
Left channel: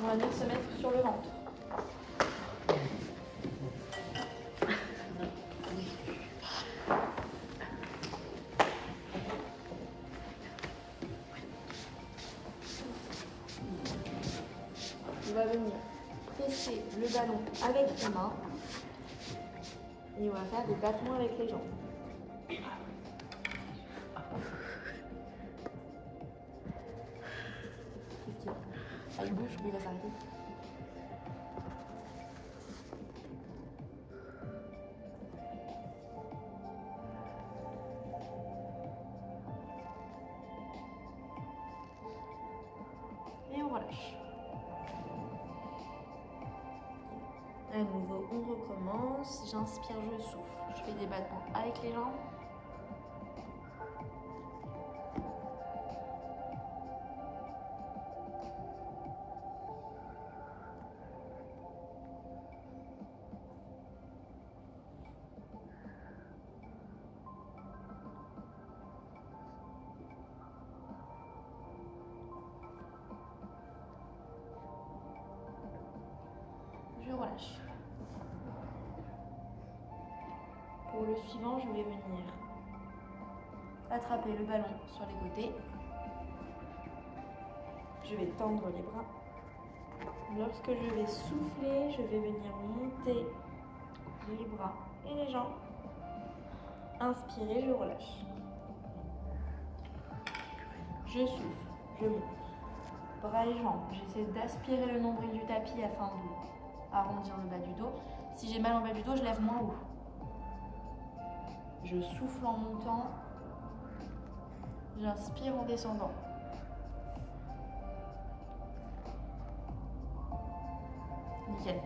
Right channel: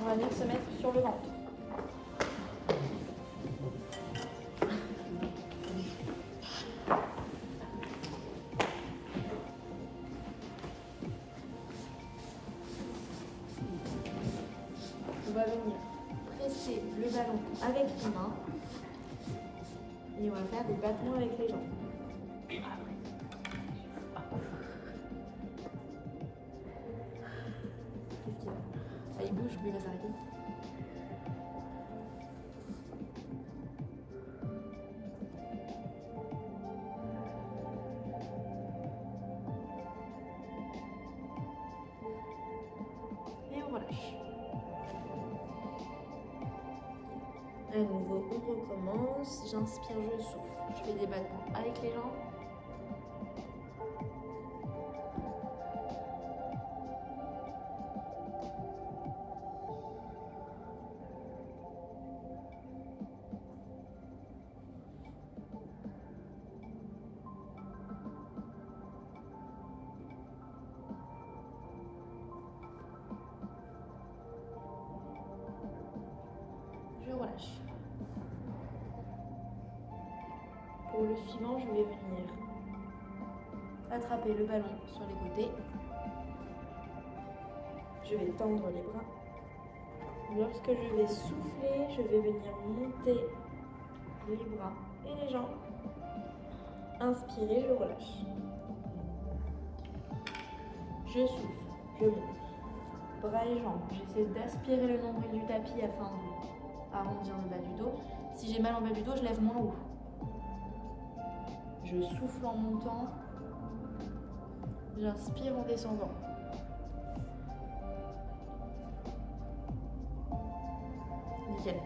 On va venir se mettre sur le ventre. On va venir presser le ballon avec les mains et on va faire des battements avec les jambes. Qu'est-ce qu'il y a? Ah, il bouge, mais il va s'arrêter. Et on relâche. À nouveau, on recommence. J'inspire, je souffle. Je fais des battements avec les jambes. Je relâche. Pour le suivant, je vais venir attraper le ballon sur les côtés. Je vais tendre les bras. Lorsque je vais souffler, je vais venir monter les bras et les jambes. Inspirez, je relâche. Je souffle, je monte. Bras et jambes. J'essaie d'aspirer le nombril du tapis afin d'arrondir le bas du dos. Si j'ai mal en bas du dos, je lève moins haut. Je souffle en montant. J'inspire en descendant. Nickel.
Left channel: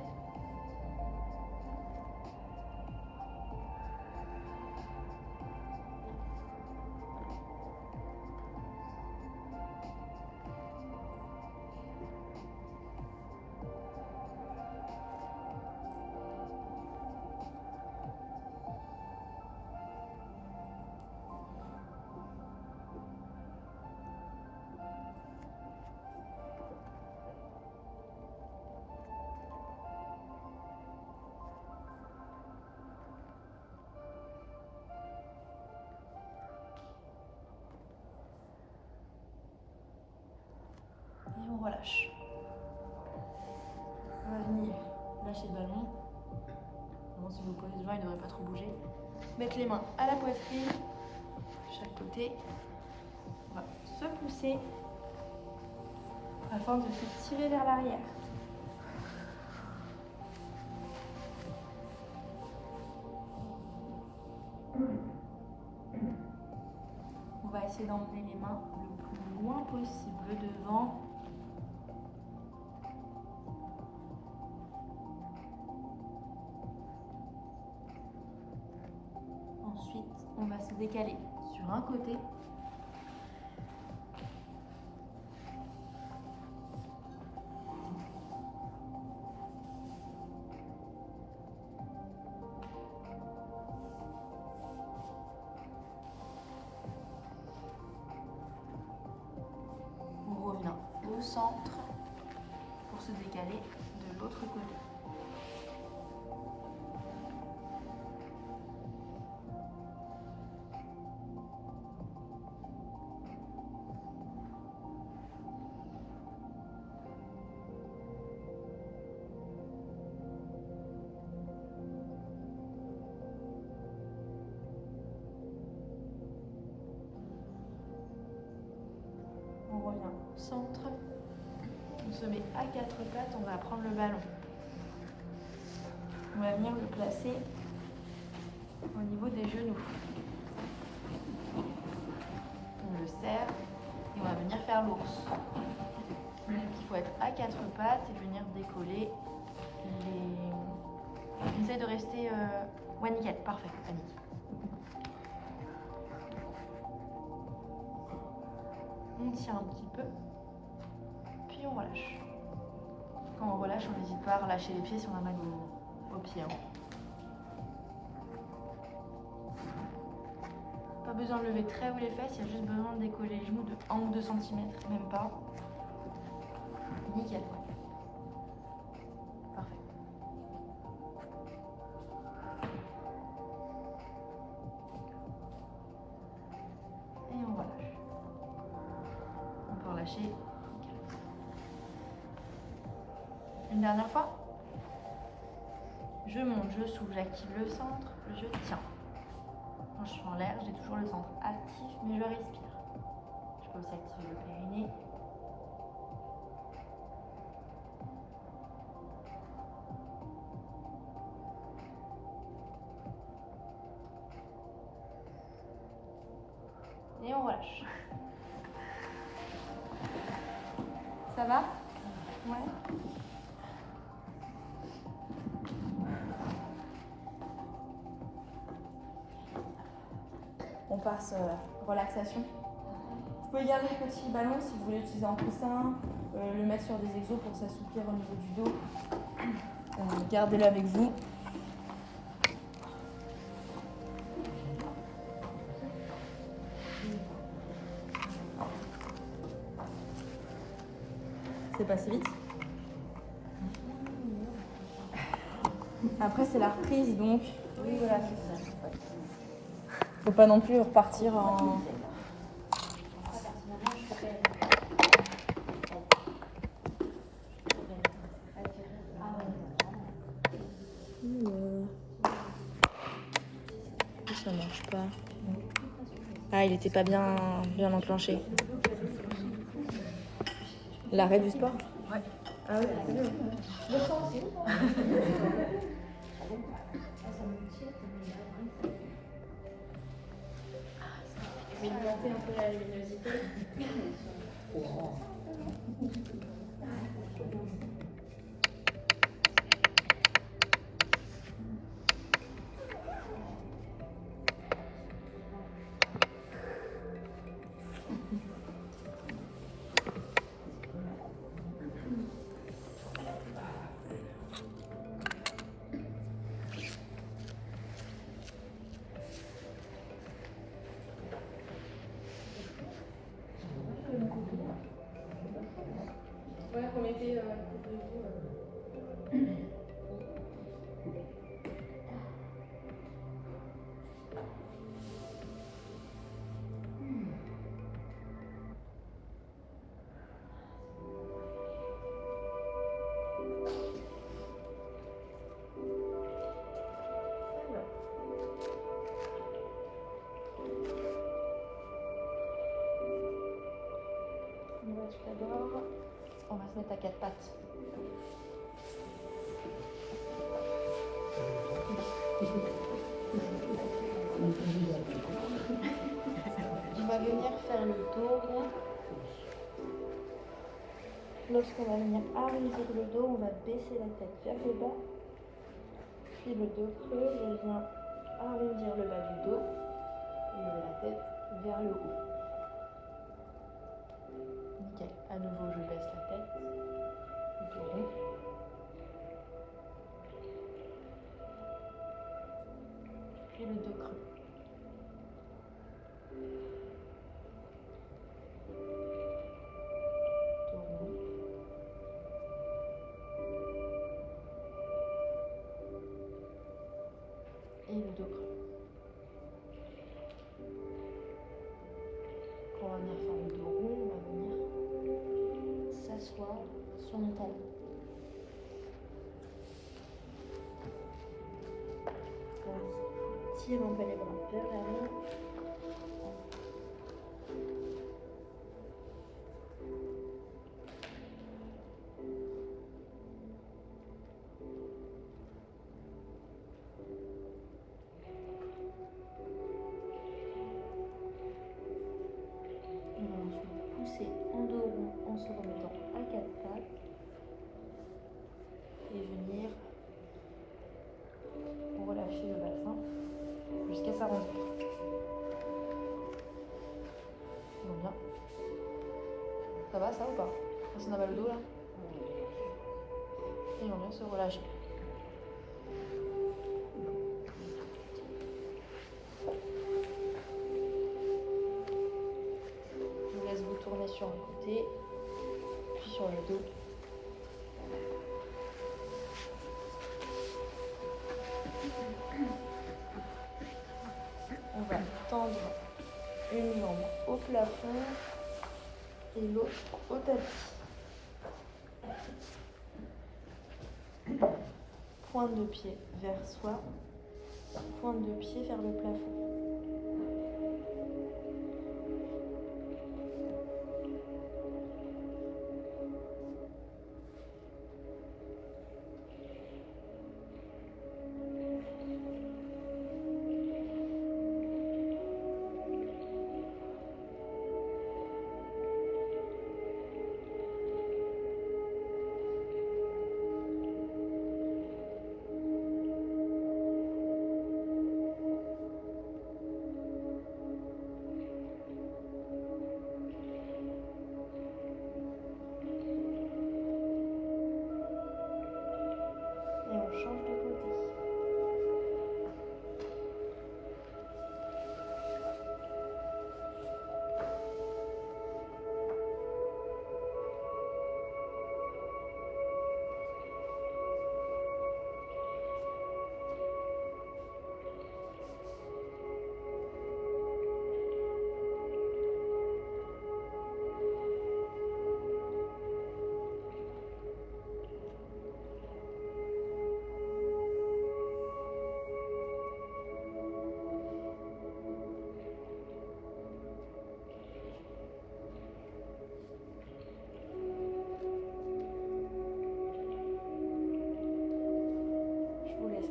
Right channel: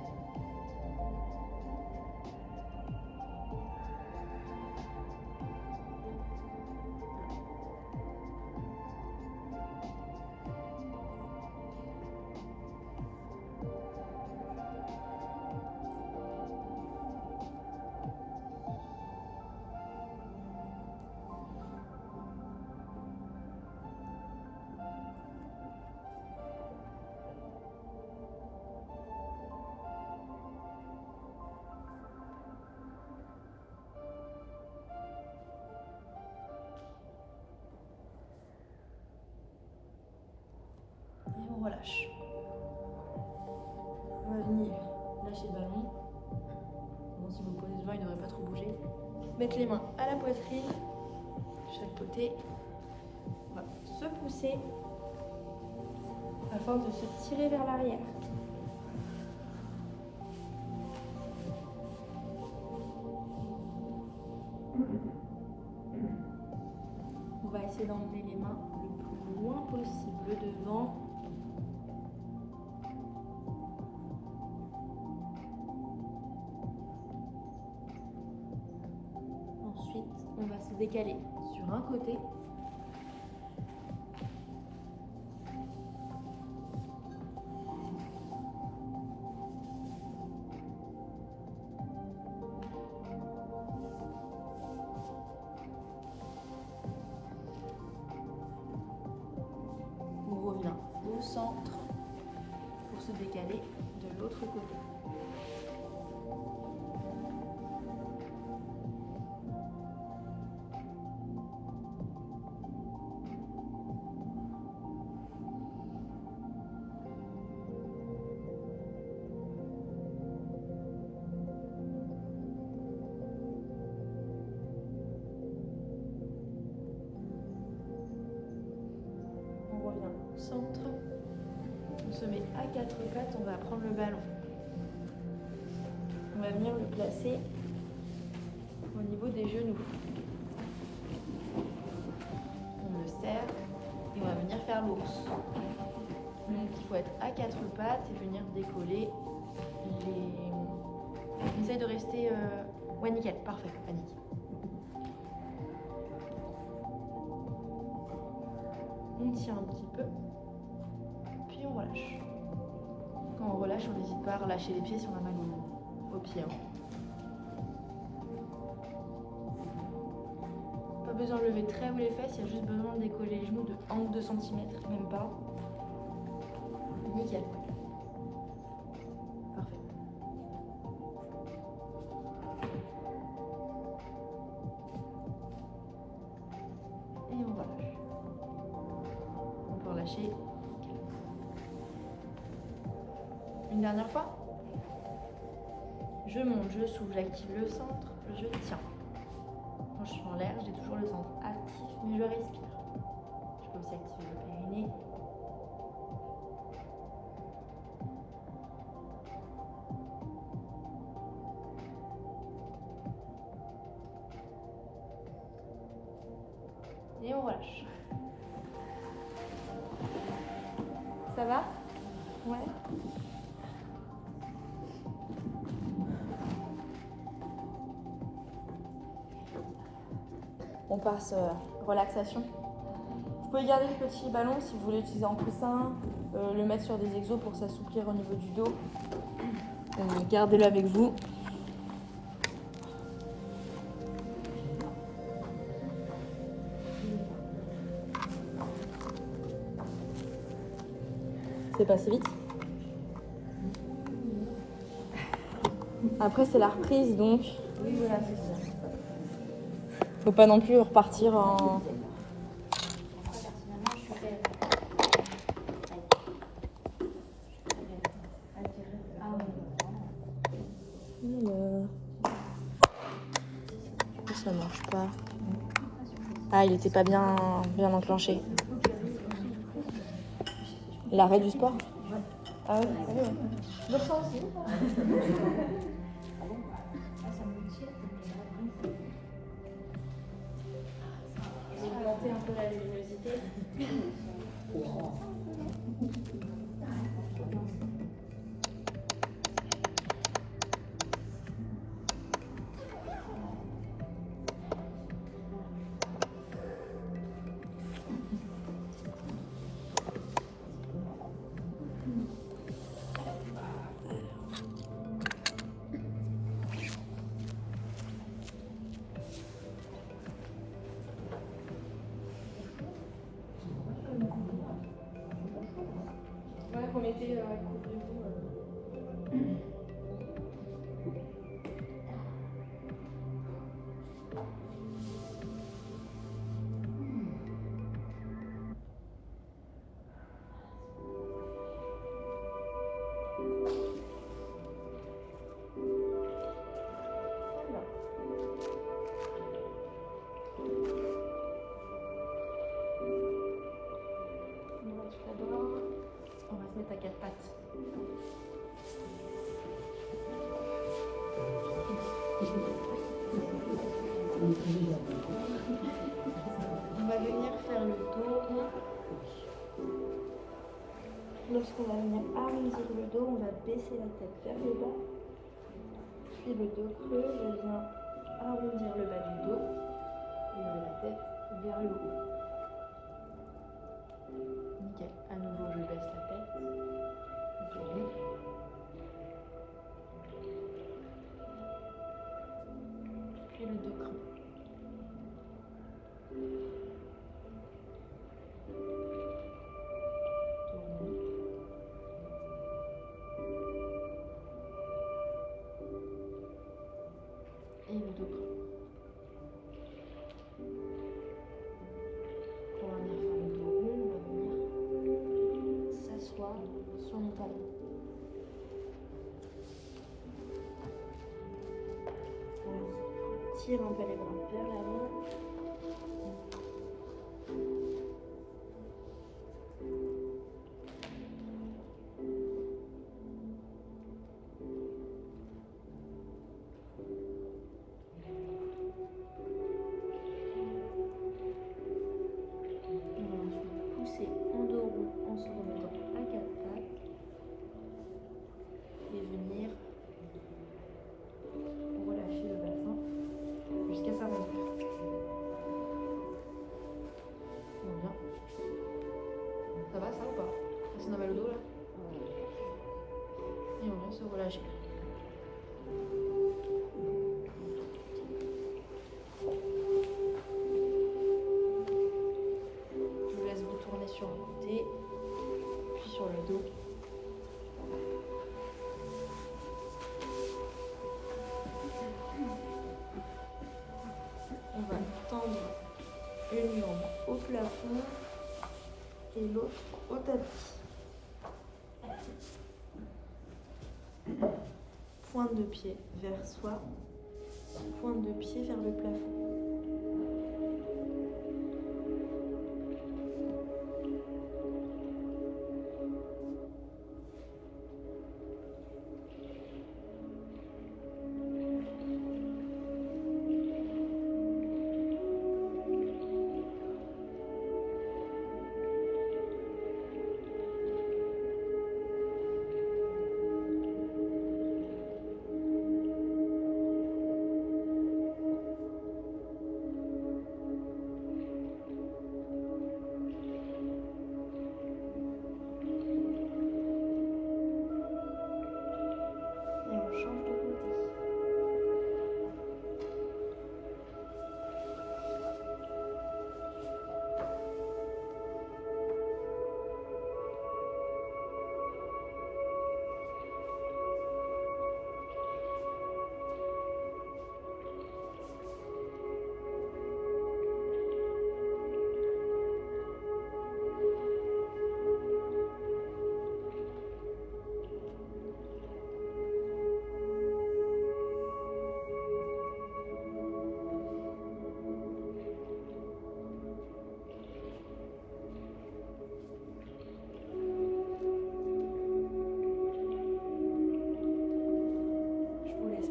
Et on relâche. On va venir lâcher le ballon. Bon, si vous posez devant, il ne devrait pas trop bouger. Mettre les mains à la poitrine, de chaque côté. On va se pousser afin de se tirer vers l'arrière. On va essayer d'emmener les mains le plus loin possible devant. Ensuite, on va se décaler sur un côté. On revient au centre pour se décaler de l'autre côté. On revient au centre. On se met à quatre pattes, on va prendre le ballon. On va venir le placer au niveau des genoux. On le serre et on va venir faire l'ours. Donc il faut être à quatre pattes et venir décoller les... Essaye de rester... Ouais, nickel, parfait, Annick. On tient un petit peu, puis on relâche. Quand on relâche, on n'hésite pas à relâcher les pieds si on a mal aux pieds. Hein. Pas besoin de lever très haut les fesses, il y a juste besoin de décoller les genoux de 1 ou 2 cm, même pas. Nickel, ouais. Parfait. Et on relâche. On peut relâcher. Nickel. Une dernière fois. Je monte, je souffle, j'active le centre, je tiens. Quand je suis en l'air, j'ai toujours le centre actif, mais je respire. Je peux aussi activer le périnée. Et on relâche. Ça va? Ouais. On passe relaxation. Vous pouvez garder le petit ballon si vous voulez l'utiliser en coussin, le mettre sur des exos pour s'assouplir au niveau du dos. Gardez-le avec vous. C'est passé vite. Après c'est la reprise donc. Oui, voilà, c'est ça. Faut pas non plus repartir en. Ça marche pas. Ah, il était pas bien enclenché. L'arrêt du sport? Ouais. Ah oui, tout d'abord, on va se mettre à quatre pattes. On va venir faire le dos rond. Lorsqu'on va venir arrondir le dos, on va baisser la tête vers le bas. Puis le dos creux, je viens arrondir le bas du dos et lever la tête vers le haut. Nickel. À nouveau, je baisse la tête. Le dos rond. Puis le dos creux. Dos rond. Et le dos creux. Quand on va venir faire le dos rond, on va venir s'asseoir sur nos talons. On tire un peu les bras vers l'avant. On va ensuite pousser en dos rond, on en se remettant à quatre pattes et venir relâcher le bassin jusqu'à s'arrondir. Ils vont bien. Ça va ça ou pas? Personne n'a mal au dos là? Ils vont bien se relâcher. Je vous laisse vous tourner sur un côté, puis sur le dos. On va tendre une jambe au plafond et l'autre au tapis. Pointe de pied vers soi, pointe de pied vers le plafond. Et on change de côté.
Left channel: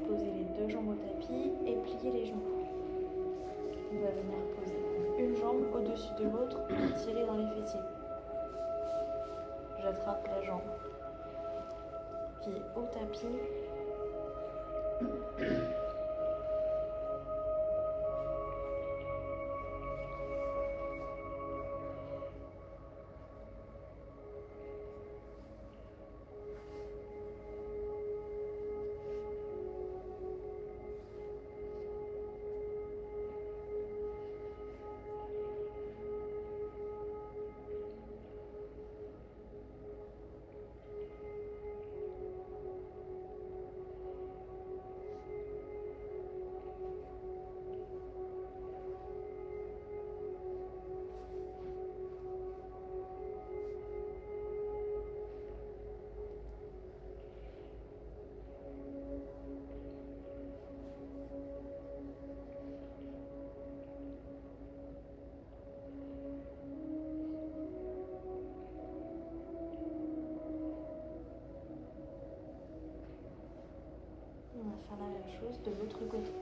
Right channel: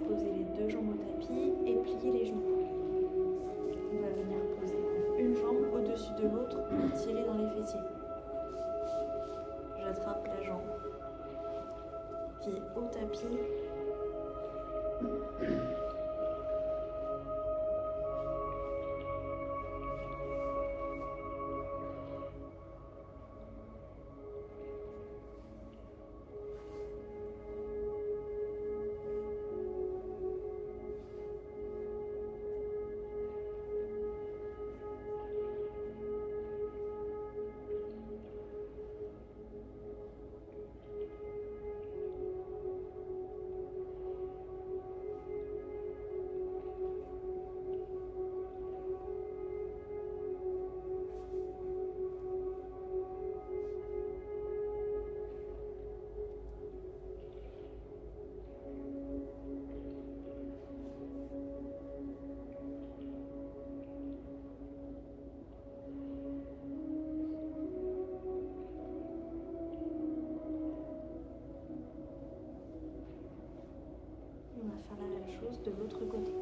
Poser les deux jambes au tapis et plier les genoux. On va venir poser une jambe au-dessus de l'autre pour tirer dans les fessiers. J'attrape la jambe, pied au tapis. On va faire la même chose de l'autre côté.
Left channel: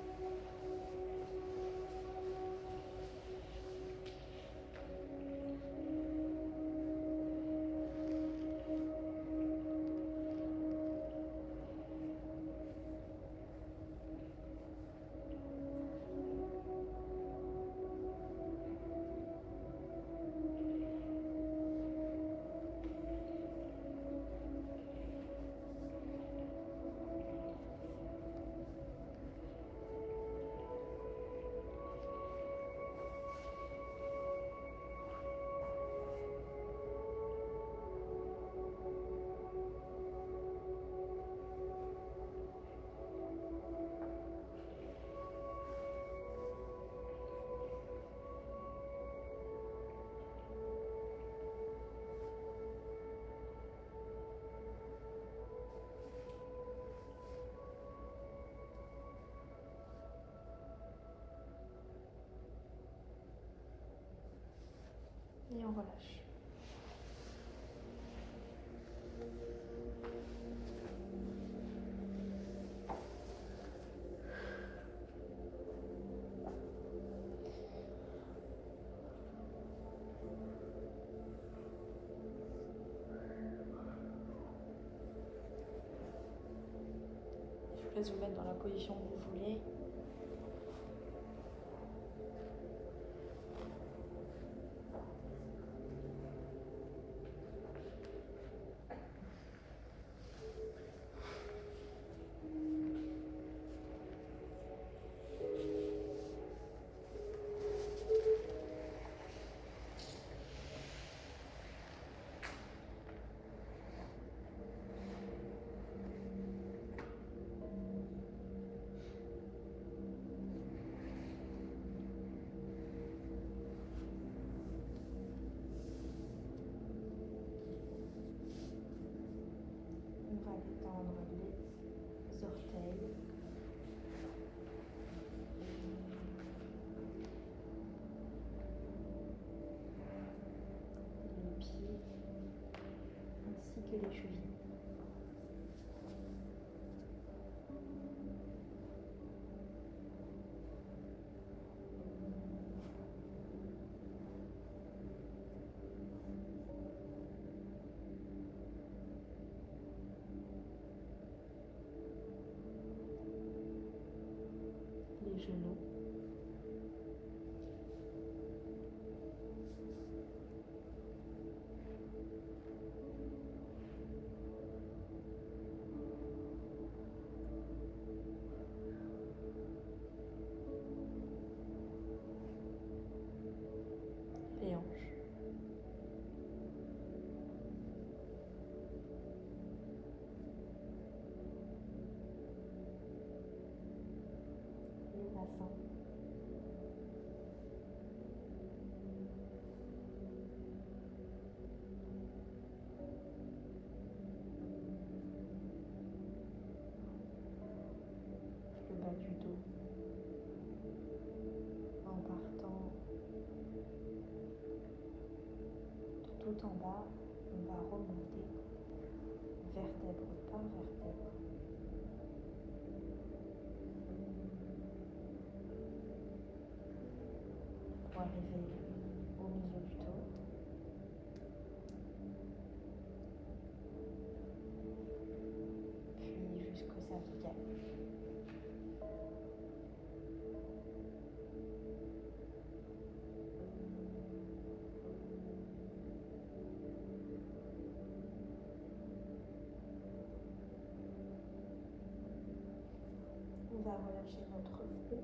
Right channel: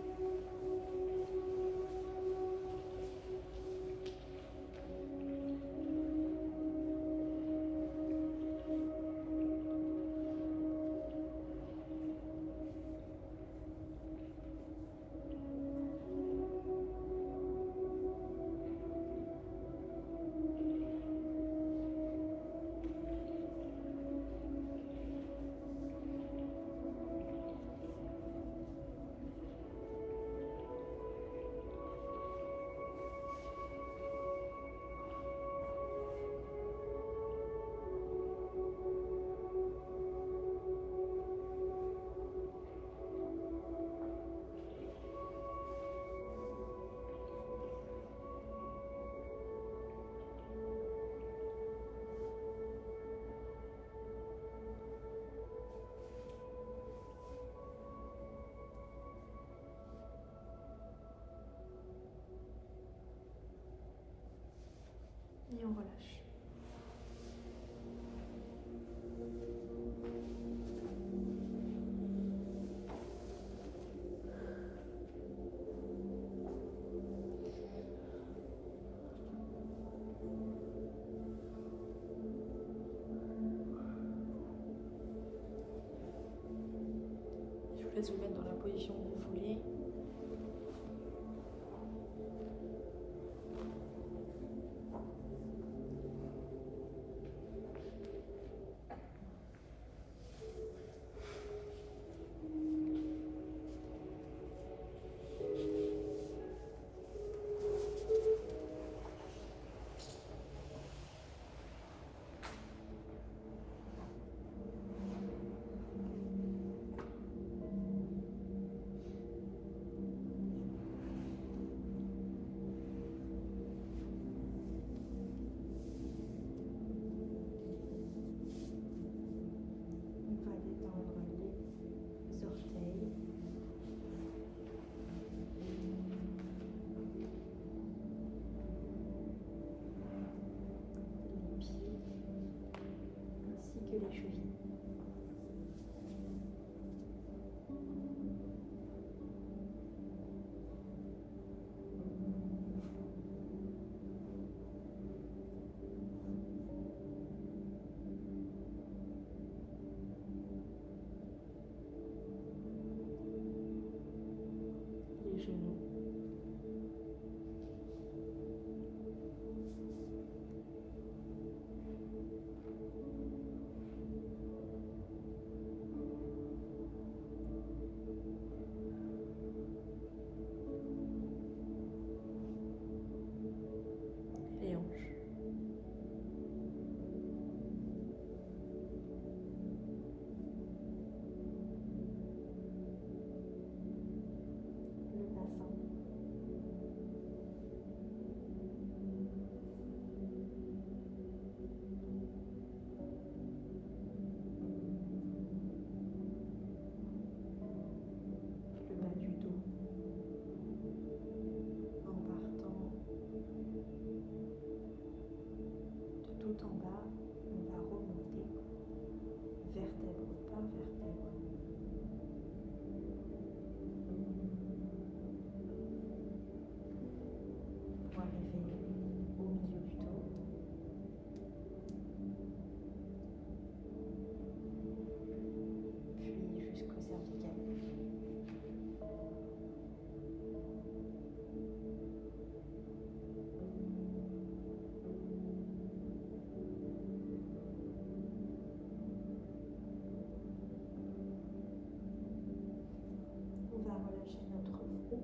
Et on relâche. Je laisse vous mettre dans la position que vous voulez. On va détendre les orteils. Les pieds ainsi que les chevilles. Les genoux. Les hanches. Le bassin. Le bas du dos. En partant de tout en bas, on va remonter vertèbre par vertèbre. Pour arriver au milieu du dos. Puis jusqu'au cervical. On va relâcher notre front.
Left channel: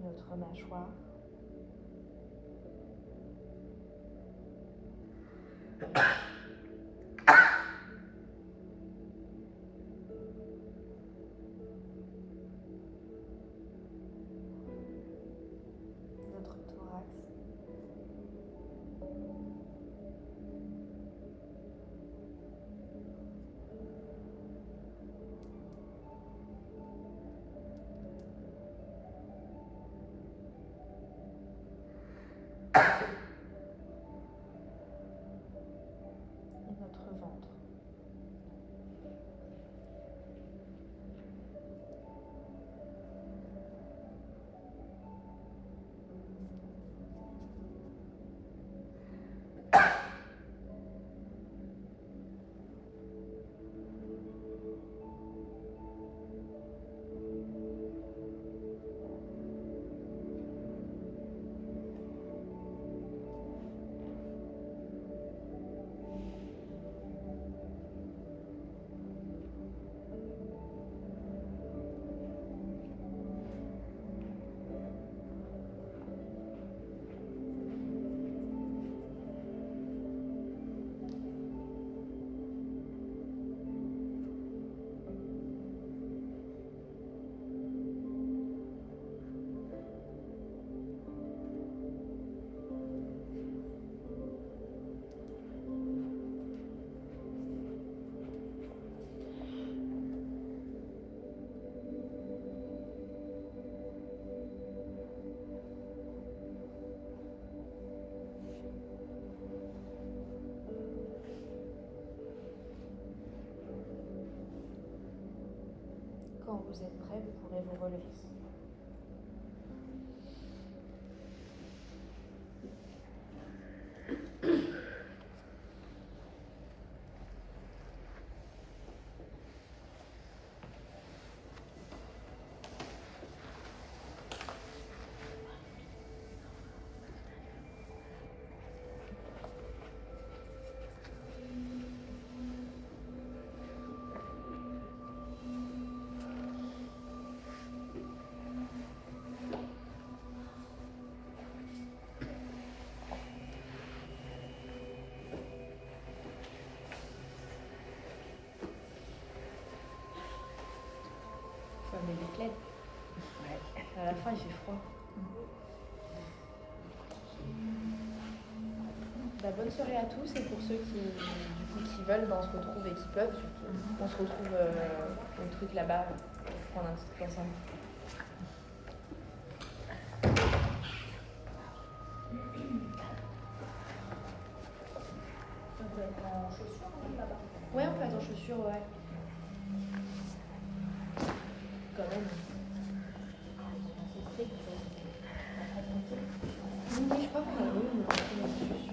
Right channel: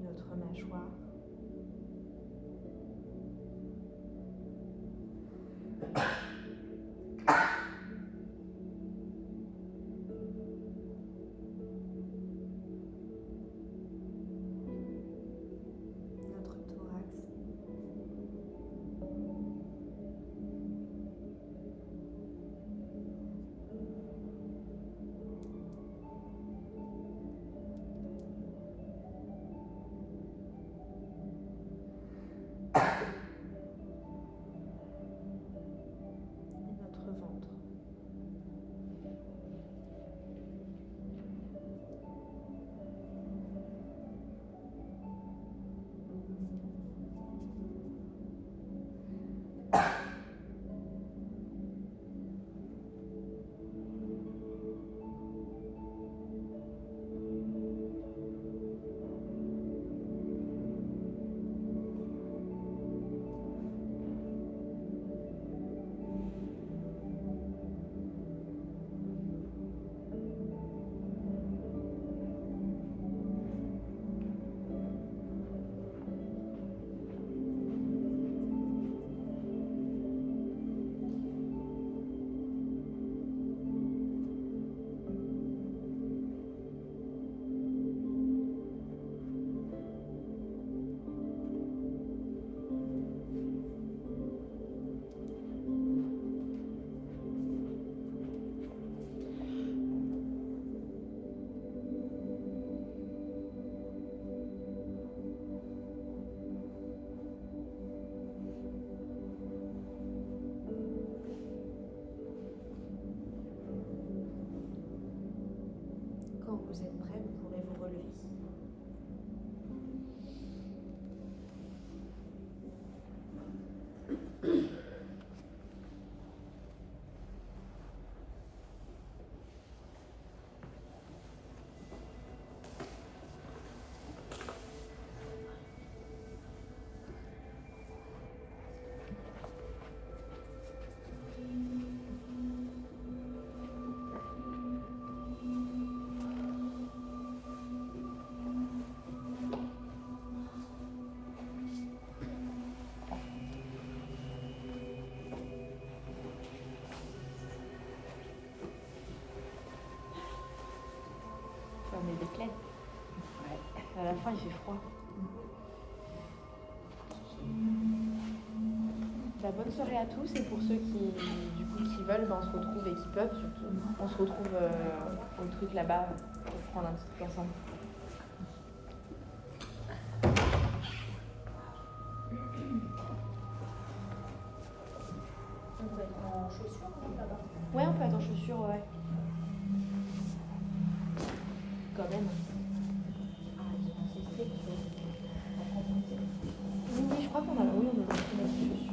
Notre mâchoire. Notre thorax. Quand vous êtes prêt, vous pourrez vous relever. Faut amener des plaids. À la fin, il fait froid. Bah, bonne soirée à tous et pour ceux qui veulent, on se retrouve et qui peuvent surtout. On se retrouve au truc là-bas pour prendre un petit truc ensemble. Ouais, on peut être en chaussures, ouais. Quand même. Oui, je crois qu'on a. Oui, on a.